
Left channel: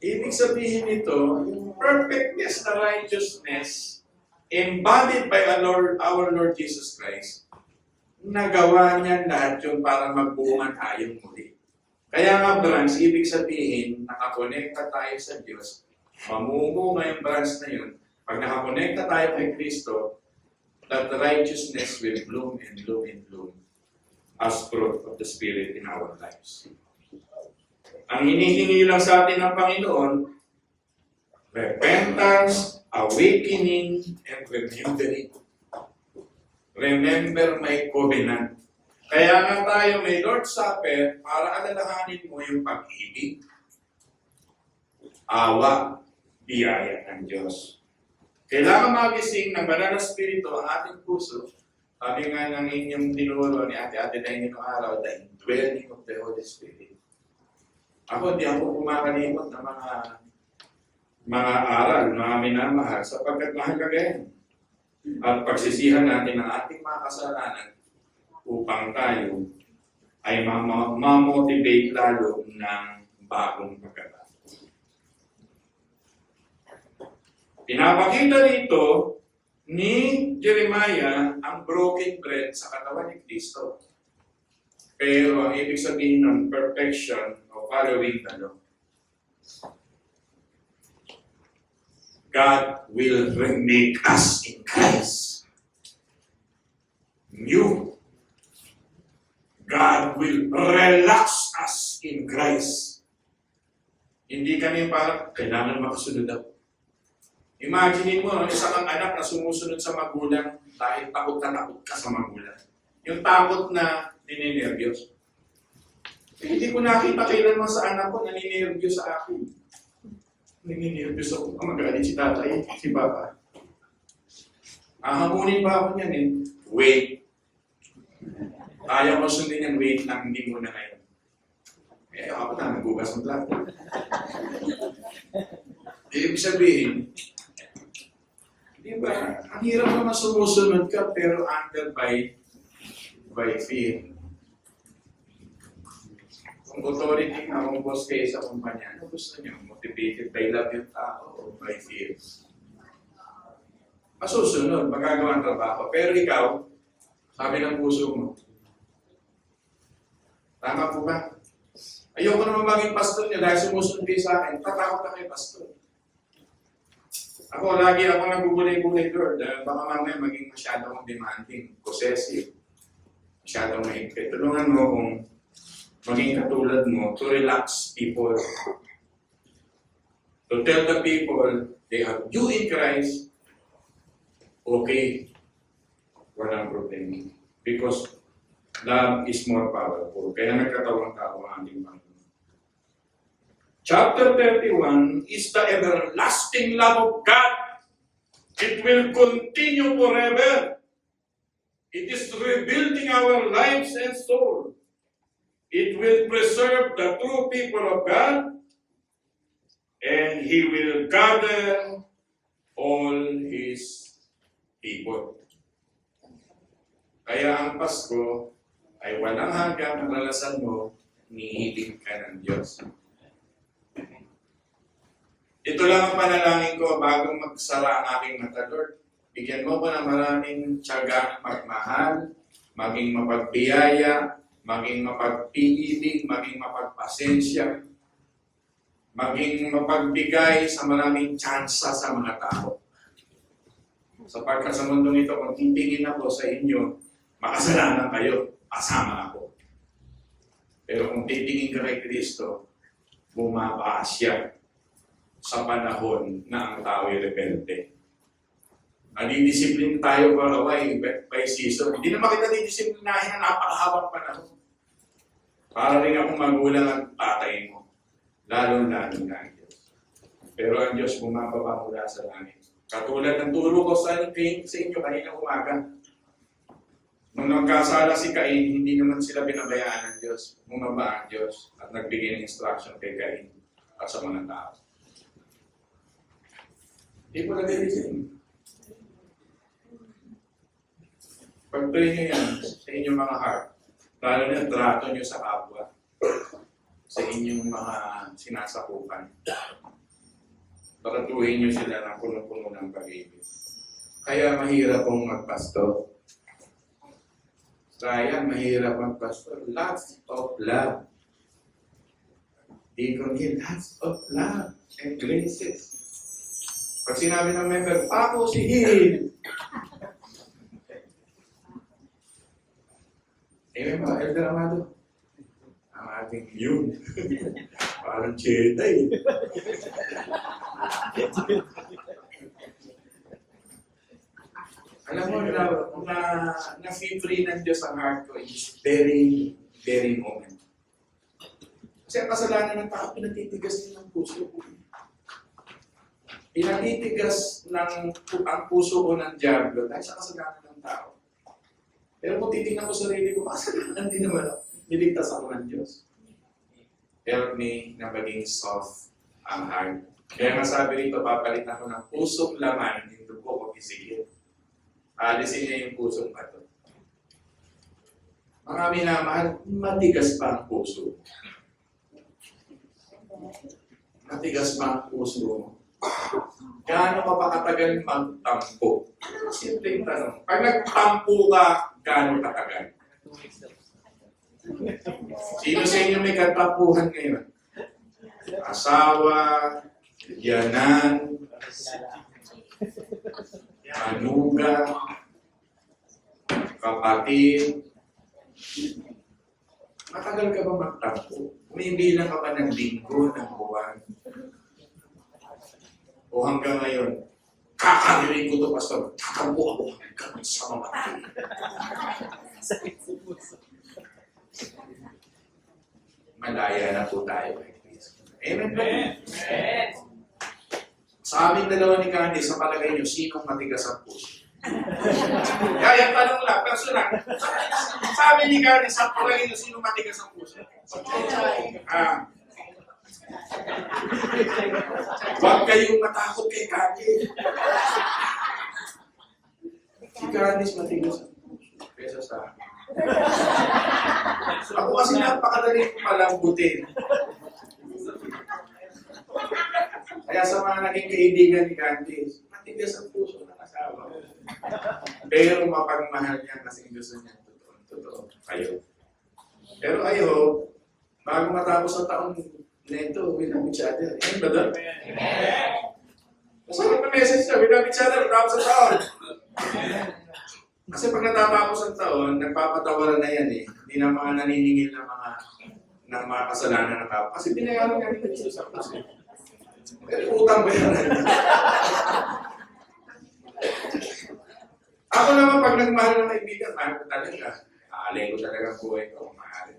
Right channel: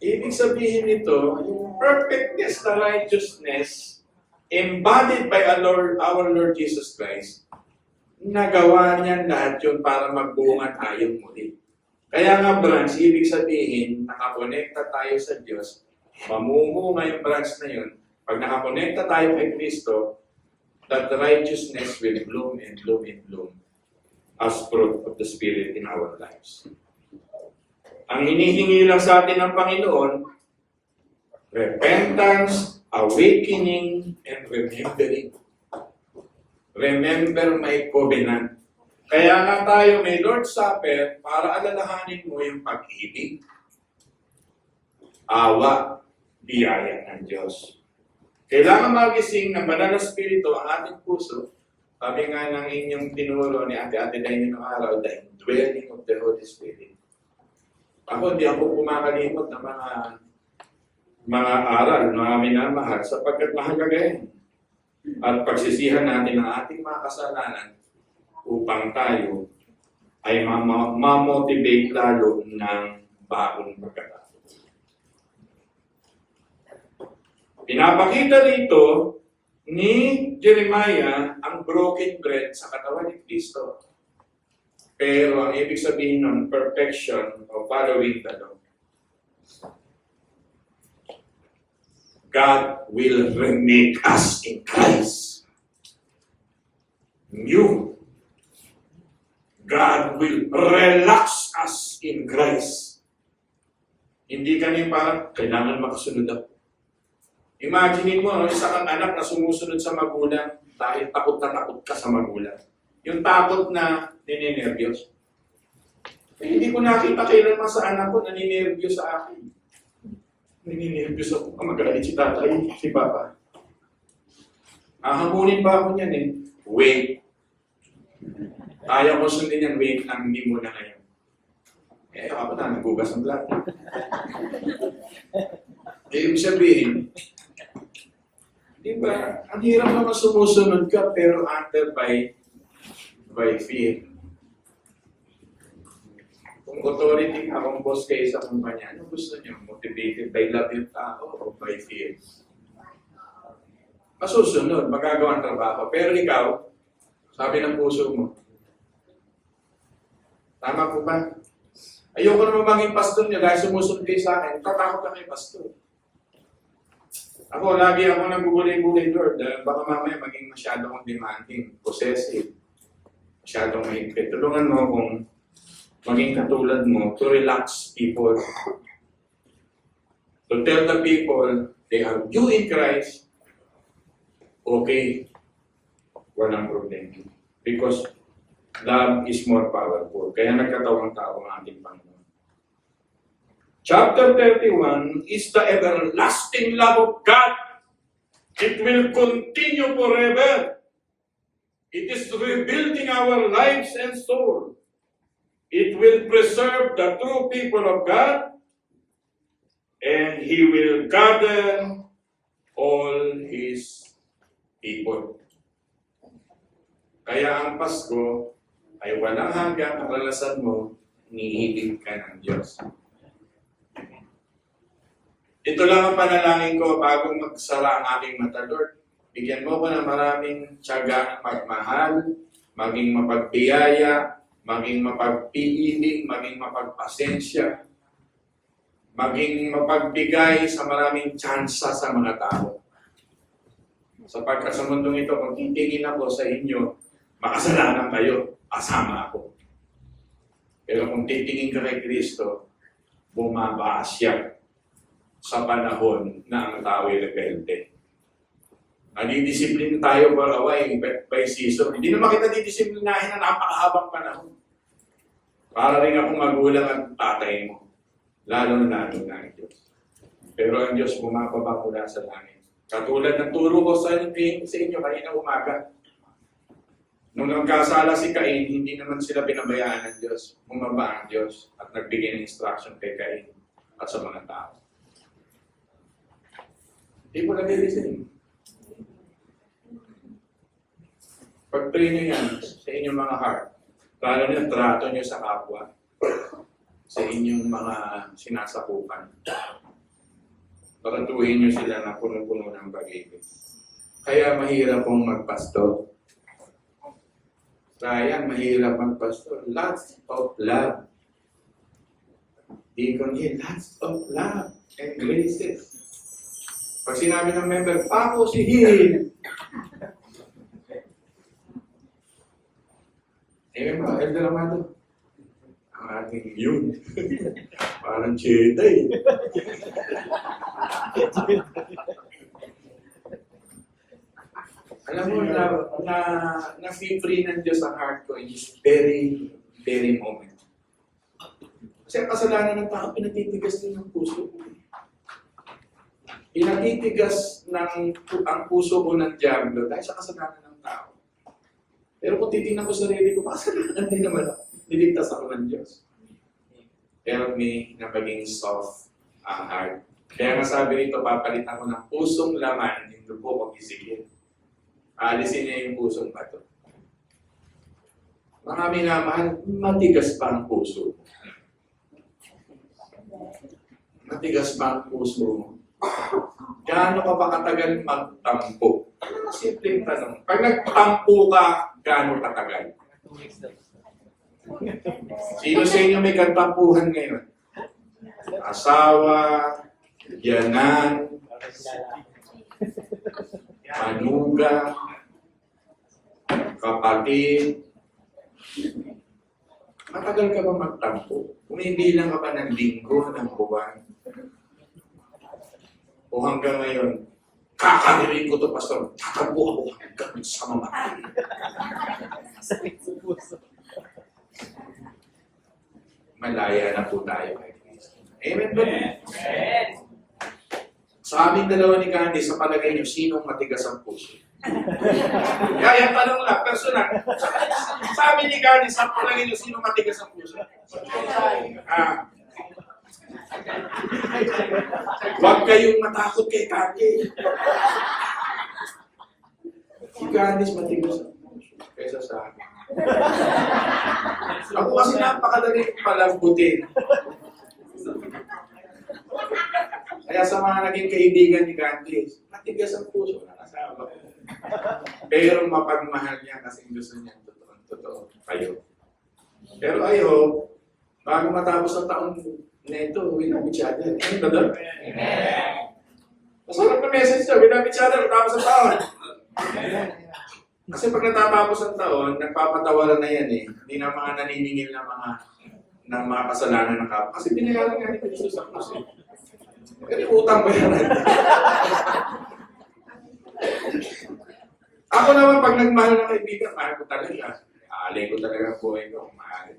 Ibig sabihin nito, yung perfectness na righteousness embodied by our Lord Jesus Christ, nagawa niya lahat yun para magbunga tayong muli. Kaya nga branch, ibig sabihin, nakakonekta tayo sa Diyos, mamumunga yung branch na yun. Pag nakakonekta tayo kay Kristo, that righteousness will bloom and bloom and bloom as fruit of the Spirit in our lives. Ang hinihingi lang sa atin ng Panginoon, repentance, awakening, and remembering. Remember my covenant. Kaya nga tayo may Lord's Supper para alalahanin mo yung pag-ibig, awa, biyaya ng Diyos. Kailangan magising ng banal na spirito ang ating puso. Sabi nga ng inyong tinuro ni Ate Dain ng araw, the indwelling of the Holy Spirit. Ako, di ako kumakalimot ng mga aral, mga minamahal, sapagkat mahalaga yan. At pagsisihan natin ang ating mga kasalanan upang tayo ay ma-motivate lalo ng bagong pagkatao. Pinapakita rito ni Jeremiah ang broken bread sa katawan ni Kristo. Pero ang ibig sabihin ng perfection o following the law. God will remake us in Christ. New. God will relax us in Christ. Hindi kami parang kailangan makasunod ako. Imagine mo, isa kang anak na sumusunod sa magulang dahil takot na takot ka sa magulang. Yung takot na nininervyos. Hindi ko nakita kailanman sa anak ko naninervyos sa akin. Nininervyos ako. Magalit si tatay, si papa. Hamunin pa ako niyan eh. Wait. Kaya ko sundin yan, wait lang, hindi muna ngayon. Eh, ako na, nagugas ng plato. Ibig sabihin, di ba, ang hirap naman sumusunod ka, pero under by fear. Kung authority ka, kung boss kayo sa kumpanya, ano gusto niyo? Motivated by love yung tao o by fear? Masusunod, magagawa ang trabaho. Pero ikaw, sabi ng puso mo, tama po ba? Ayoko naman maging pastor niyo dahil sumusunod kayo sa akin, tatakot ka kay pastor. Ako, lagi ako nagbubulay-bulay, Lord. Baka mamaya maging masyado akong demanding, possessive, masyadong mahigpit. Tulungan mo kung maging katulad mo to relax people. To tell the people they have you in Christ, okay, walang problema. Because love is more powerful. Kaya nagkatawang tao ang ating Panginoon. Chapter 31 is the everlasting love of God. It will continue forever. It is rebuilding our lives and soul. It will preserve the true people of God, and He will gather all His people. Kaya ang Pasko ay walang hanggang karanasan mo, nihilig ka ng Diyos. Ito lang ang panalangin ko bago magsara ang aking mata, Lord. Bigyan mo ko ng maraming tiyaga magmahal, maging mapagbiyaya, maging mapagpiibig, maging mapagpasensya, maging mapagbigay sa maraming tsansa sa mga tao. Sapagkat sa mundong ito, kung titingin ako sa inyo, makasalanan kayo, kasama ako. Pero kung titingin ka kay Kristo, bumaba siya sa panahon na ang tao ay rebelde. Nadidisiplin tayo by season. Hindi naman kita didisiplinahin na napakahabang panahon. Para rin akong magulang at tatay mo. Lalo na ang Diyos. Pero ang Diyos bumababa mula sa langit. Katulad ng turo ko sa inyo kanina umaga. Nung nagkasala si Cain, hindi naman sila binabayaan ng Diyos. Bumaba ang Diyos at nagbigay ng instruction kay Cain at sa mga tao. Hindi po nag-listen. Pag-pray nyo yan sa inyong mga heart, lalo na trato nyo sa kapwa, sa inyong mga sinasakupan. Tratuhin nyo sila na puno-puno ng pag-ibig. Kaya mahirap pong magpastor. Sayang, mahirap magpastor. Lots of love. Deacon Hill, lots of love and graces. Pag sinabi ng member, Paco si Hill. Mga Elder Amado. Ang ating yun. Parang Jedi. Alam mo na free ng Diyos ang heart ko in this very, very moment. Kasi ang kasalanan ng tao, pinatitigas din ng puso ko. Pinatitigas ang puso ko ng Diablo dahil sa kasalanan ng tao. Pero kung titignan ko sa sarili ko, kasalanan din naman ako. Niligtas ako ng Diyos. Help me na maging soft ang heart. Kaya nga sabi rito, papalitan ko ng pusong laman, hindi po kong isigil. Alisin niya yung pusong bato. Mga minamahal, matigas pa ang puso. Matigas pa ang puso mo. Gaano ka ba katagal magtampo? Ano ang simpleng tanong? Pag nagtampo ka, gaano katagal? Sino sa inyo may katampuhan ngayon? Asawa, yanan, manuga, kapatid. Matagal ka ba magtampo? Umibilang ka ba ng linggo, ng buwan? O hanggang ngayon, kakarinig ko ito, Pastor, tatampo ako hanggang sa mamatay. Malaya na po tayo kay Kristo. Amen ba? Amen. Sa aming dalawa ni Candy, sa palagay niyo, sinong matigas ang puso? Kaya yung tanong lang, personal. Sa amin ni Candy, sa palagay niyo, sinong matigas ang puso? Huwag kayong matakot kay Candy. Si Candy matigas ang puso kaysa sa akin. Ako kasi napakadali palambutin. Kaya sa mga naging kaibigan ni Candice, matigas ang puso ng asawa. Pero mapagmahal niya kasi gusto niya totoo kayo. Pero I hope, bago matapos ang taon na ito, we love each other. Amen ba doon? Amen! Masarap na message niya, we love each other matapos ang taon. Kasi pag natatapos ang taon, nagpapatawaran na yan eh. Hindi na mga naniningil ng mga kasalanan ng kapwa. Kasi binayaran nga ni Kristo sa krus eh. Pero utang ba yan? Ako naman pag nagmahal ng kaibigan, mahal ko talaga. Aalay ko talaga ang buhay ko kung mahal.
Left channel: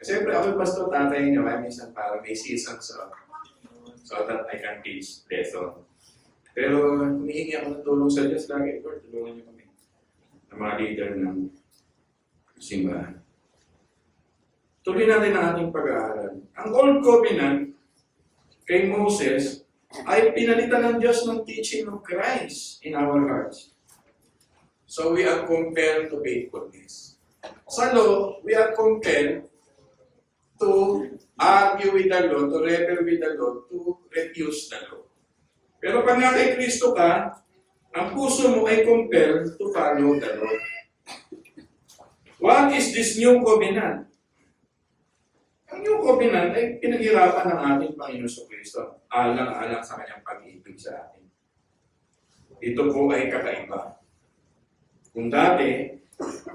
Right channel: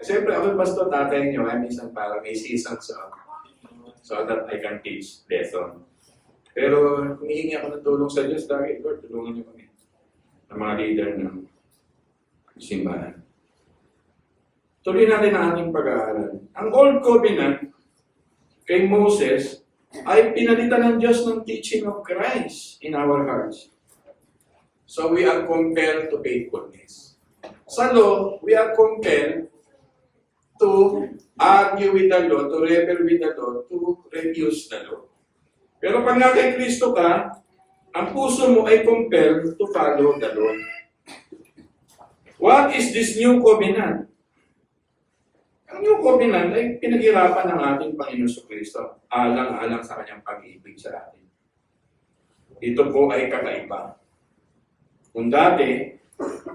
Siyempre ako pastor, tatay niyo, ay minsan para may season so that I can teach lesson. Pero humihingi ako ng tulong sa Diyos lagi, Lord, tulungan niyo kami. Ng mga leader ng simbahan. Tuloy natin ang ating pag-aaral. Ang Old Covenant kay Moses ay pinalitan ng Diyos ng teaching of Christ in our hearts. So we are compelled to faithfulness. Sa law, we are compelled to argue with the law, to rebel with the law, to refuse the law. Pero pag nasa Kristo ka, ang puso mo ay compelled to follow the law. What is this new covenant? Ang new covenant ay pinaghirapan ng ating Panginoon sa Kristo, alang-alang sa kanyang pag-ibig sa atin. Ito po ay kakaiba. Kung dati,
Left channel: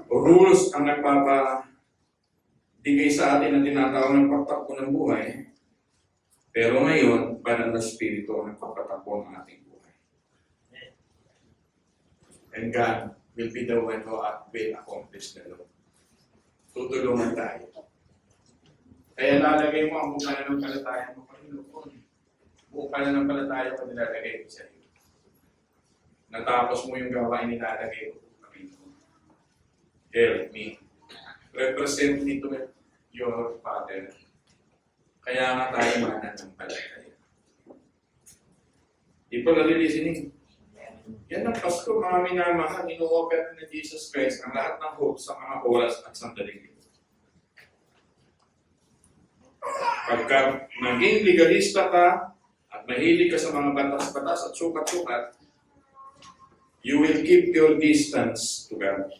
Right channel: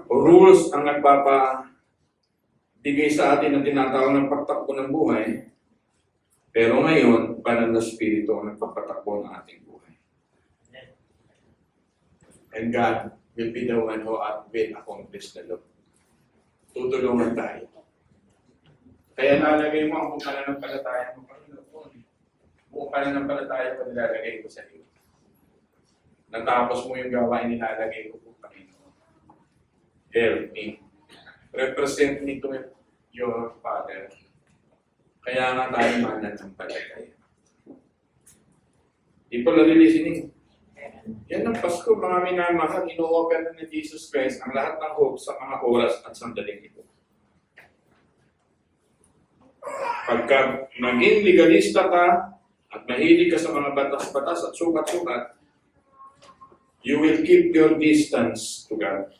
rules ang nagpapabigay sa atin na tinatawag ng pagtakbo ng buhay, pero ngayon, banal na Espiritu ang nagpapatakbo ng ating buhay. And God will be the one who will accomplish the law. Tutulungan tayo. Kaya lalagay mo ang pananampalataya mo, Panginoon. buong pananampalataya ko nilalagay ko sa iyo. Natapos mo yung gawain nilalagay ko po, Panginoon. Help me. Represent me to your Father. Kaya nga tayo mananampalataya. People are listening. Yan ang Pasko, mga minamahal, ino-offer na ni Jesus Christ ang lahat ng hope sa mga oras at sandaling ito. Pagka naging legalista ka at mahilig ka sa mga batas-batas at sukat-sukat, you will keep your distance to God.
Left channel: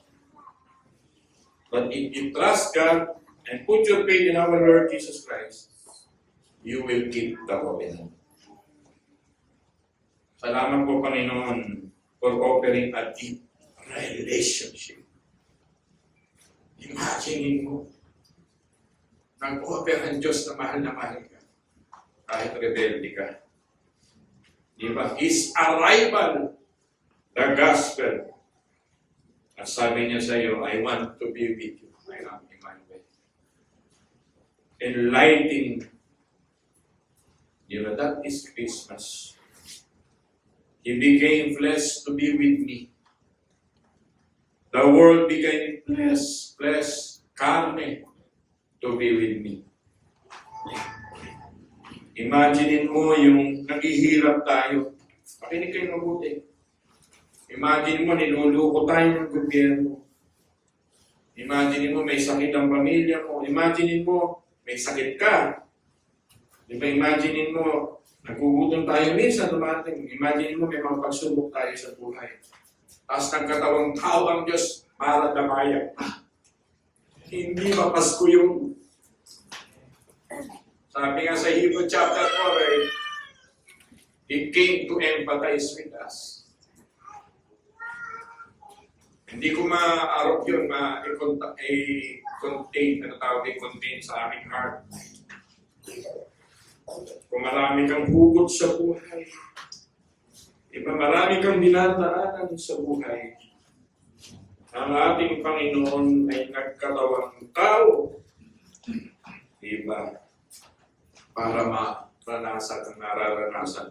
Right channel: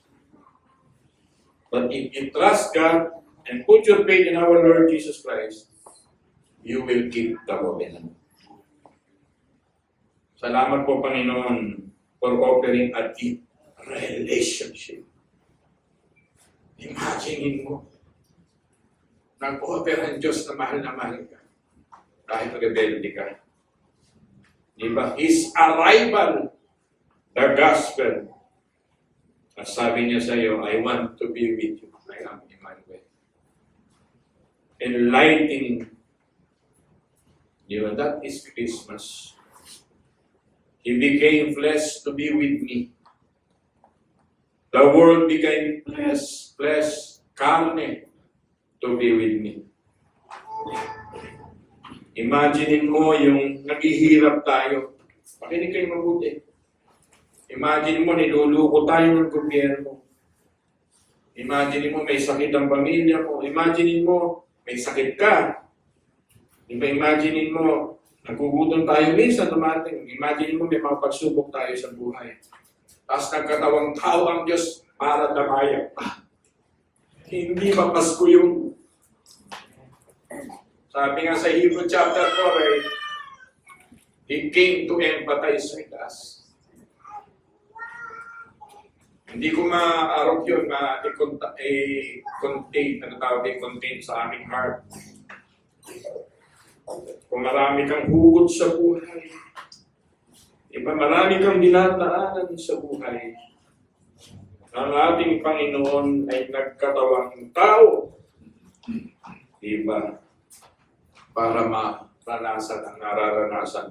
But if you trust God and put your faith in our Lord Jesus Christ, you will keep the covenant. Salamat po, Panginoon, for offering a deep relationship. Imagine mo, nag-offer ang Diyos na mahal ka, kahit rebelde ka. Diba? His arrival, the gospel. At sabi niya sa iyo, I want to be with you. I am Emmanuel. Enlightening. That is Christmas. He became flesh to be with me. The world became flesh, carne, to be with me. Imagine mo yung naghihirap tayo. Pakinig kayo mabuti. Imagine mo, niluluko tayo ng gobyerno. Imagine mo, may sakit ang pamilya mo. Imagine mo, may sakit ka. Diba, imagine mo, nagugutom tayo minsan dumating. Imagine mo, may mga pagsubok tayo sa buhay. Tapos nagkatawang tao ang Diyos para damayan. Hindi ba Pasko yung... Sabi nga sa Hebrew chapter 4, He came to empathize with us. Hindi ko ma-arok yun, contain sa aming heart. Kung marami kang hugot sa buhay, marami kang dinadaanan sa buhay, ang ating Panginoon ay nagkatawang tao, para maranasan ang nararanasan.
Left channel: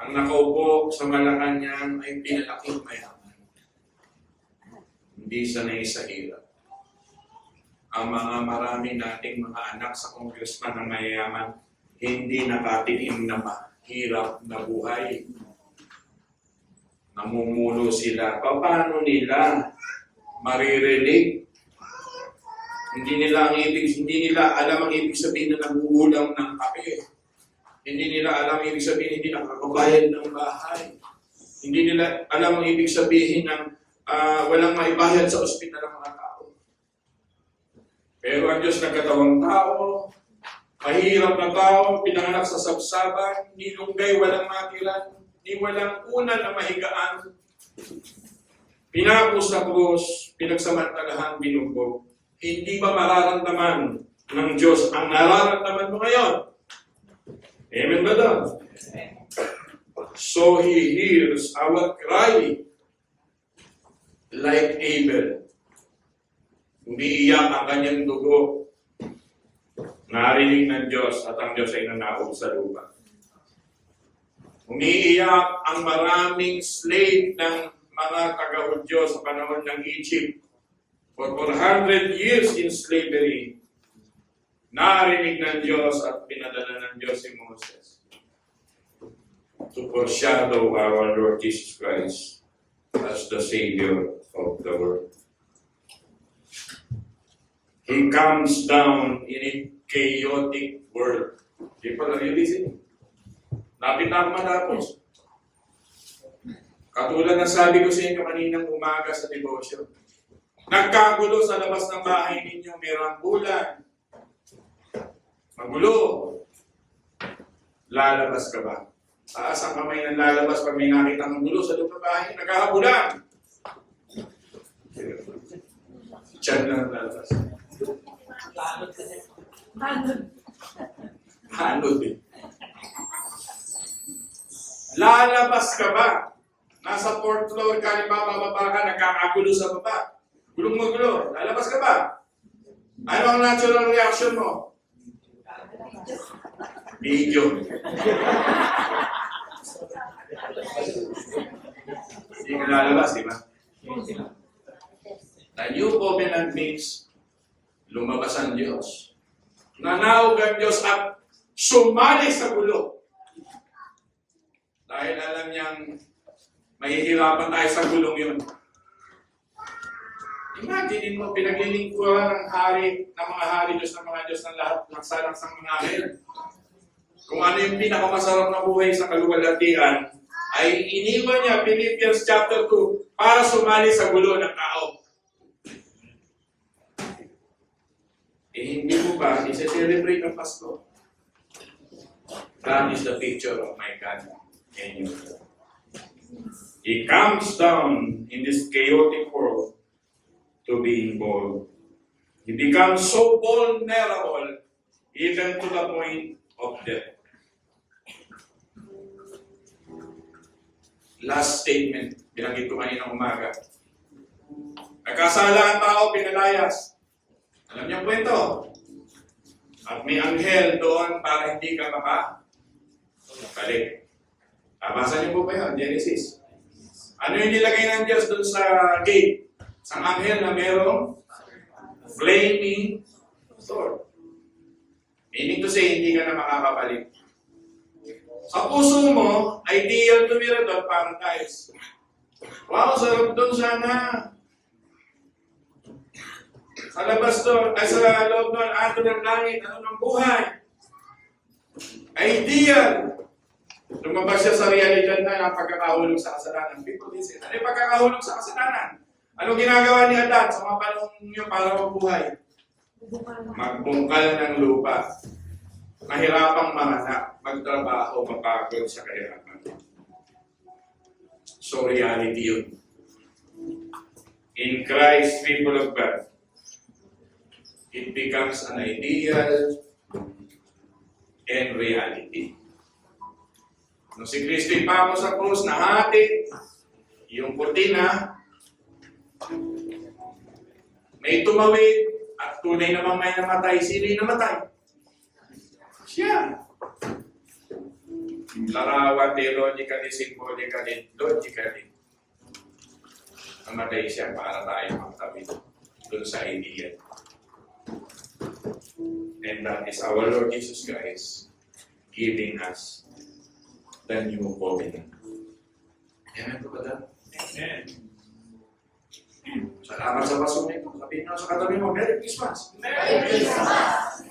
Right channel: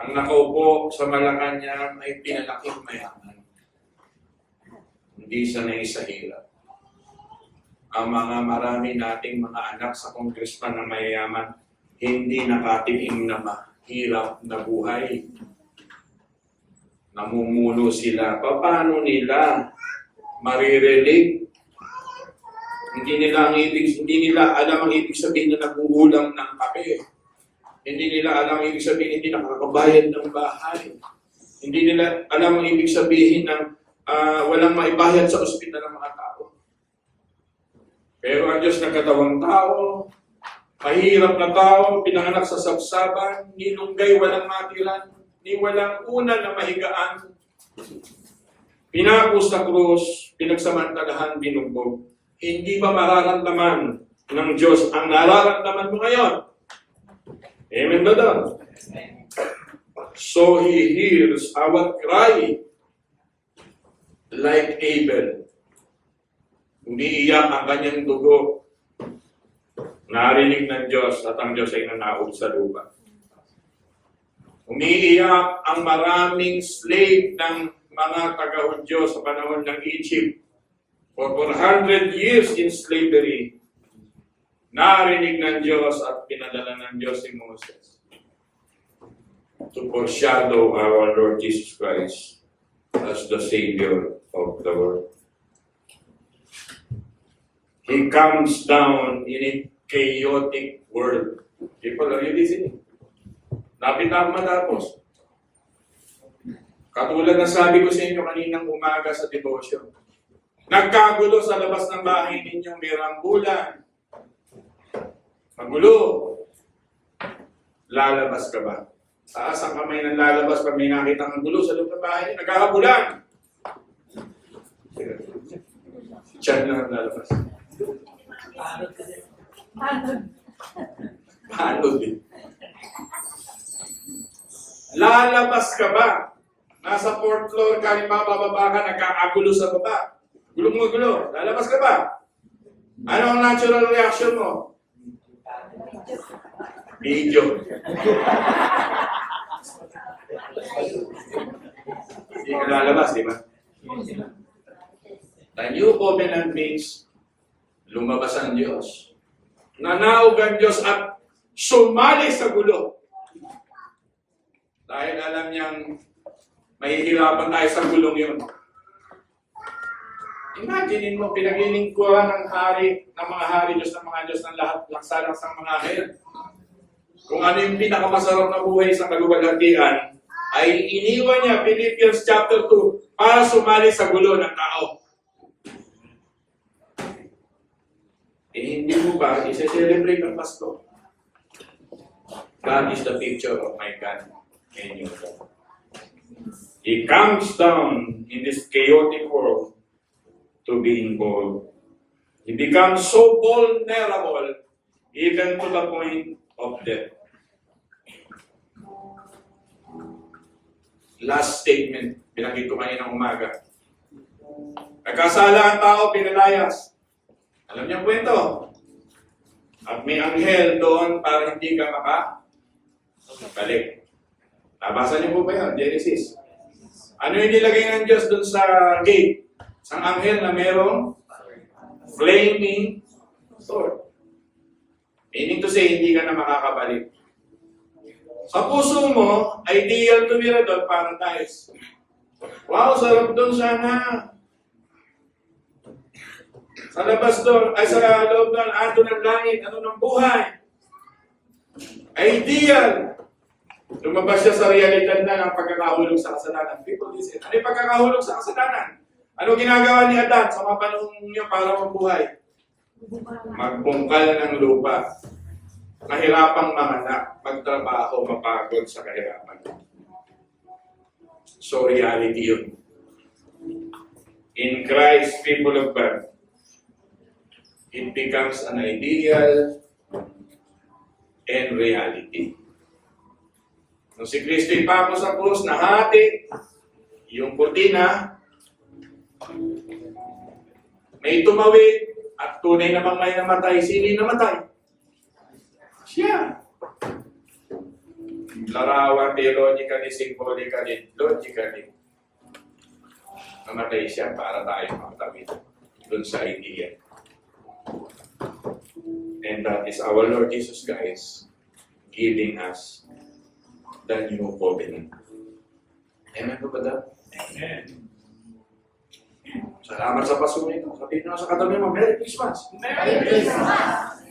Ang nakaupo sa Malacanang ay pinalaking mayaman. Hindi sanay sa hirap. Ang mga marami nating mga anak sa congressman na mayayaman, hindi nakatikim na mahirap na buhay. Namumuno sila. Paano nila maririnig? Hindi nila alam ang ibig sabihin na naguulam ng kape. Hindi nila alam ang ibig sabihin hindi nakakabayad ng bahay. Hindi nila alam ang ibig sabihin ng walang maibayad sa ospital ng mga tao. Pero ang Diyos nagkatawang tao, mahirap na tao, pinanganak sa sabsaban, nilunggay, walang matiran, ni walang una na mahigaan. Pinako sa krus, pinagsamantalahan, binugbog. Hindi ba mararamdaman ng Diyos ang nararamdaman mo ngayon? Amen ba daw? So He hears our cry like Abel. Umiiyak ang kanyang dugo. Narinig ng Diyos at ang Diyos ay nanaog sa lupa. Umiiyak ang maraming slave ng mga taga-Hudyo sa panahon ng Egypt. For 400 years in slavery, narinig ng Diyos at pinadala ng Diyos si Moses to foreshadow our Lord Jesus Christ as the Savior of the world. He comes down in a chaotic world. People are you listening? Lapit na ako matapos. Katulad ng sabi ko sa inyo kaninang umaga sa devotion. Nagkagulo sa labas ng bahay ninyo, may rambulan. Magulo. Lalabas ka ba? Taas ang kamay ng lalabas pag may nakita ng gulo sa loob ng bahay, nagkakabulan. Diyan lang ang lalabas. Paano din? Lalabas ka ba? Nasa 4th floor ka, bababa ka, nagkakagulo sa baba. Gulong mo gulo, lalabas ka ba? Ano ang natural reaction mo? Video. Hindi ka lalabas, di ba? The new covenant means lumabas ang Diyos. Nanawag ang Diyos at sumali sa gulo. Dahil alam niyang mahihirapan tayo sa gulong yun. Imagine mo, pinaglilingkuran ng hari, ng mga hari Diyos, ng mga Diyos, ng lahat, laksa-laksang mga ngayon. Kung ano yung pinakamasarap na buhay sa kaluwalhatian, ay iniwan niya, Philippians chapter 2, para sumali sa gulo ng tao. Hindi mo ba i-celebrate ang Pasko? That is the picture of my God and you. He comes down in this chaotic world to being bold. He becomes so vulnerable even to the point of death. Last statement, binanggit ko kanina umaga. Nagkasala ang tao, pinalayas. Alam niyo ang kwento? At may anghel doon para hindi ka makabalik. Nabasa niyo po ba yan? Genesis. Ano yung nilagay ng Diyos doon sa gate? Isang anghel na merong flaming sword. Meaning to say, hindi ka na makakabalik. Sa puso mo, ideal to be doon, paradise. Wow, sarap doon sana. Sa labas doon, ay sa loob doon, ato ng langit, ano ng buhay. Ideal. Lumabas siya sa realidad na ng pagkakahulog sa kasalanan. People listen. Ano yung pagkakahulog sa kasalanan? Ano ginagawa ni Adan sa mga panahon niya para mabuhay? Magbungkal ng lupa. Mahirapang manganak, magtrabaho, mapagod sa kahirapan. So reality yun. In Christ, people of God, it becomes an ideal and reality. Nung si Kristo ipako sa krus, nahati yung kurtina, may tumawid at tunay namang may namatay. Sino yung namatay? Siya. Larawan, theologically, symbolically, logically. Namatay siya para tayo makatawid doon sa idea. And that is our Lord Jesus Christ giving us the new covenant. Amen po ba daw? Amen. Salamat sa Pasko nito. Sabihin nyo sa katabi mo, Merry Christmas! Merry Christmas!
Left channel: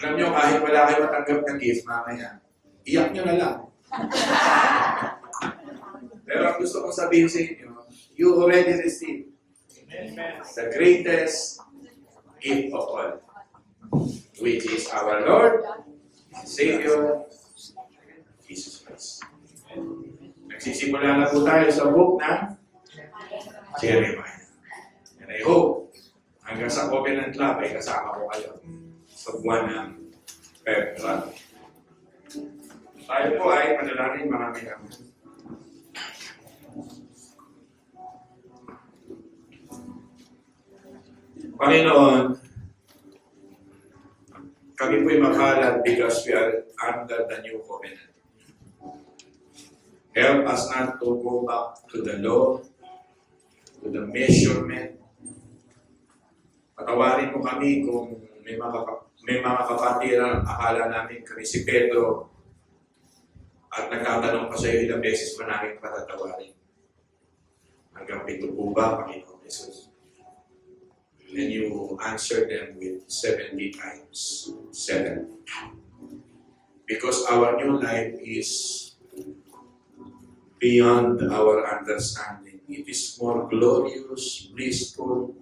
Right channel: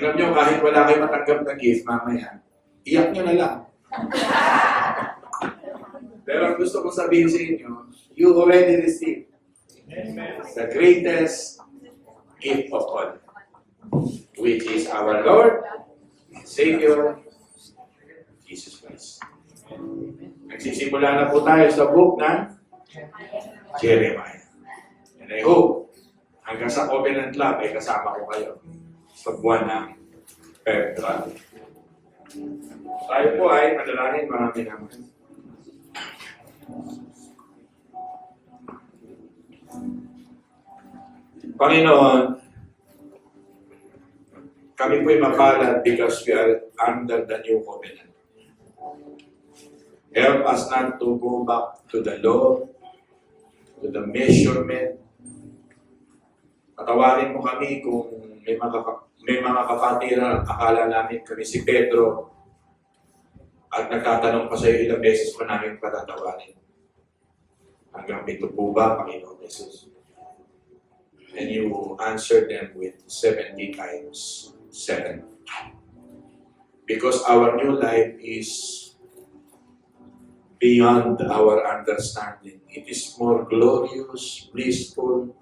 Alam nyo, kahit wala kayo matanggap na gift mamaya, iyak nyo na lang. Pero ang gusto kong sabihin sa inyo, you already received the greatest gift of all, which is our Lord and Savior, Jesus Christ. Nagsisimula na po tayo sa book ng Jeremiah. And I hope, hanggang sa Covenant Lab, ay kasama ko kayo sa buwan ng February. Tayo po ay manalangin, marami naman. Panginoon, kami po'y makalat because we are under the new covenant. Help us not to go back to the law, to the measurement. Patawarin mo kami kung may mga kapatiran, akala namin kami si Pedro at nagtatanong pa sa iyo ilang beses pa namin patatawarin. Hanggang pito po ba, Panginoon Jesus? And you answer them with 70 times 7. Because our new life is beyond our understanding. It is more glorious, blissful,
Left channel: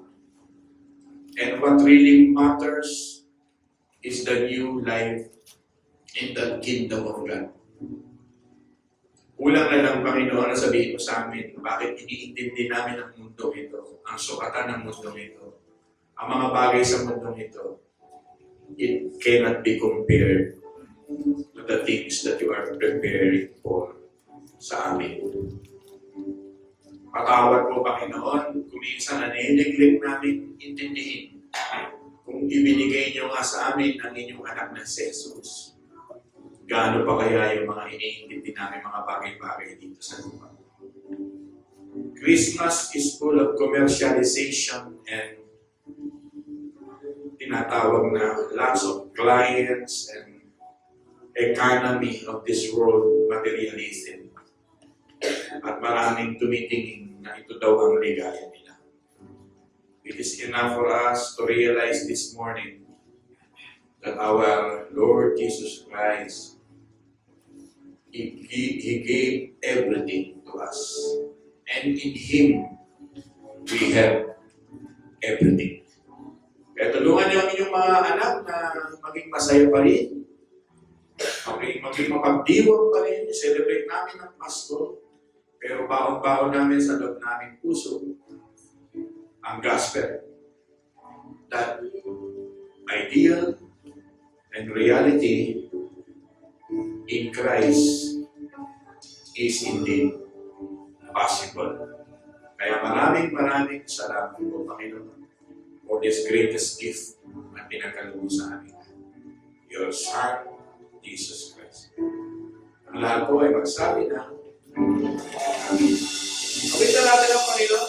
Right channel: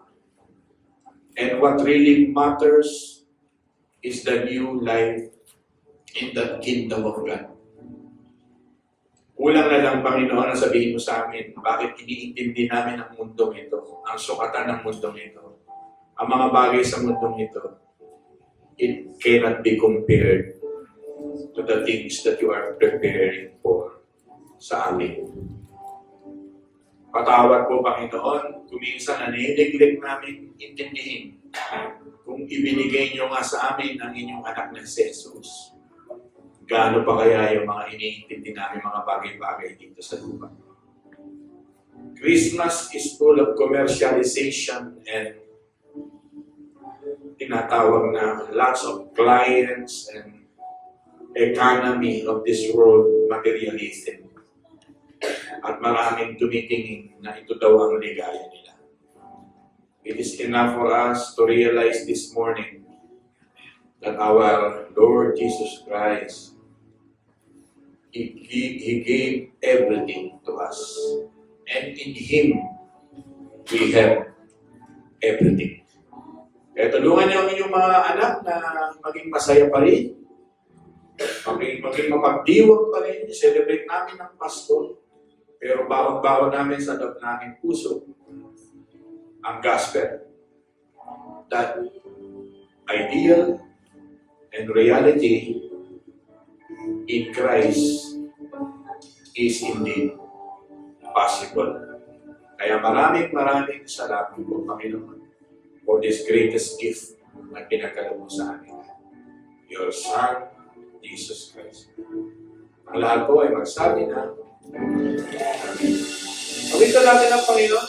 and what really matters is the new life in the kingdom of God. Kulang na lang, Panginoon, na sabihin mo sa amin, bakit iniintindi namin ang mundong ito, ang sukatan ng mundong ito, ang mga bagay sa mundong ito. It cannot be compared to the things that you are preparing for sa amin. Patawad po, Panginoon, kung minsan na nineglect namin intindihin kung kung ibinigay niyo nga sa amin ang inyong anak na si Jesus, gaano pa kaya yung mga iniintindi namin mga bagay-bagay dito sa lupa? Christmas is full of commercialization and tinatawag na lots of clients and economy of this world, materialism. At maraming tumitingin na ito daw ang ligaya nila. It is enough for us to realize this morning that our Lord Jesus Christ, He gave everything to us. And in Him, we have everything. Kaya tulungan niyo ang inyong mga anak na maging masaya pa rin, maging mapagdiwang pa rin, celebrate namin ang Pasko, pero baon-baon namin sa loob naming puso ang gospel. That ideal and reality in Christ is indeed possible. Kaya maraming salamat po, Panginoon, for this greatest gift na pinagkaloob sa amin. Your Son, Jesus Christ. Ang lahat po ay magsabi na, awitan natin ang Panginoon.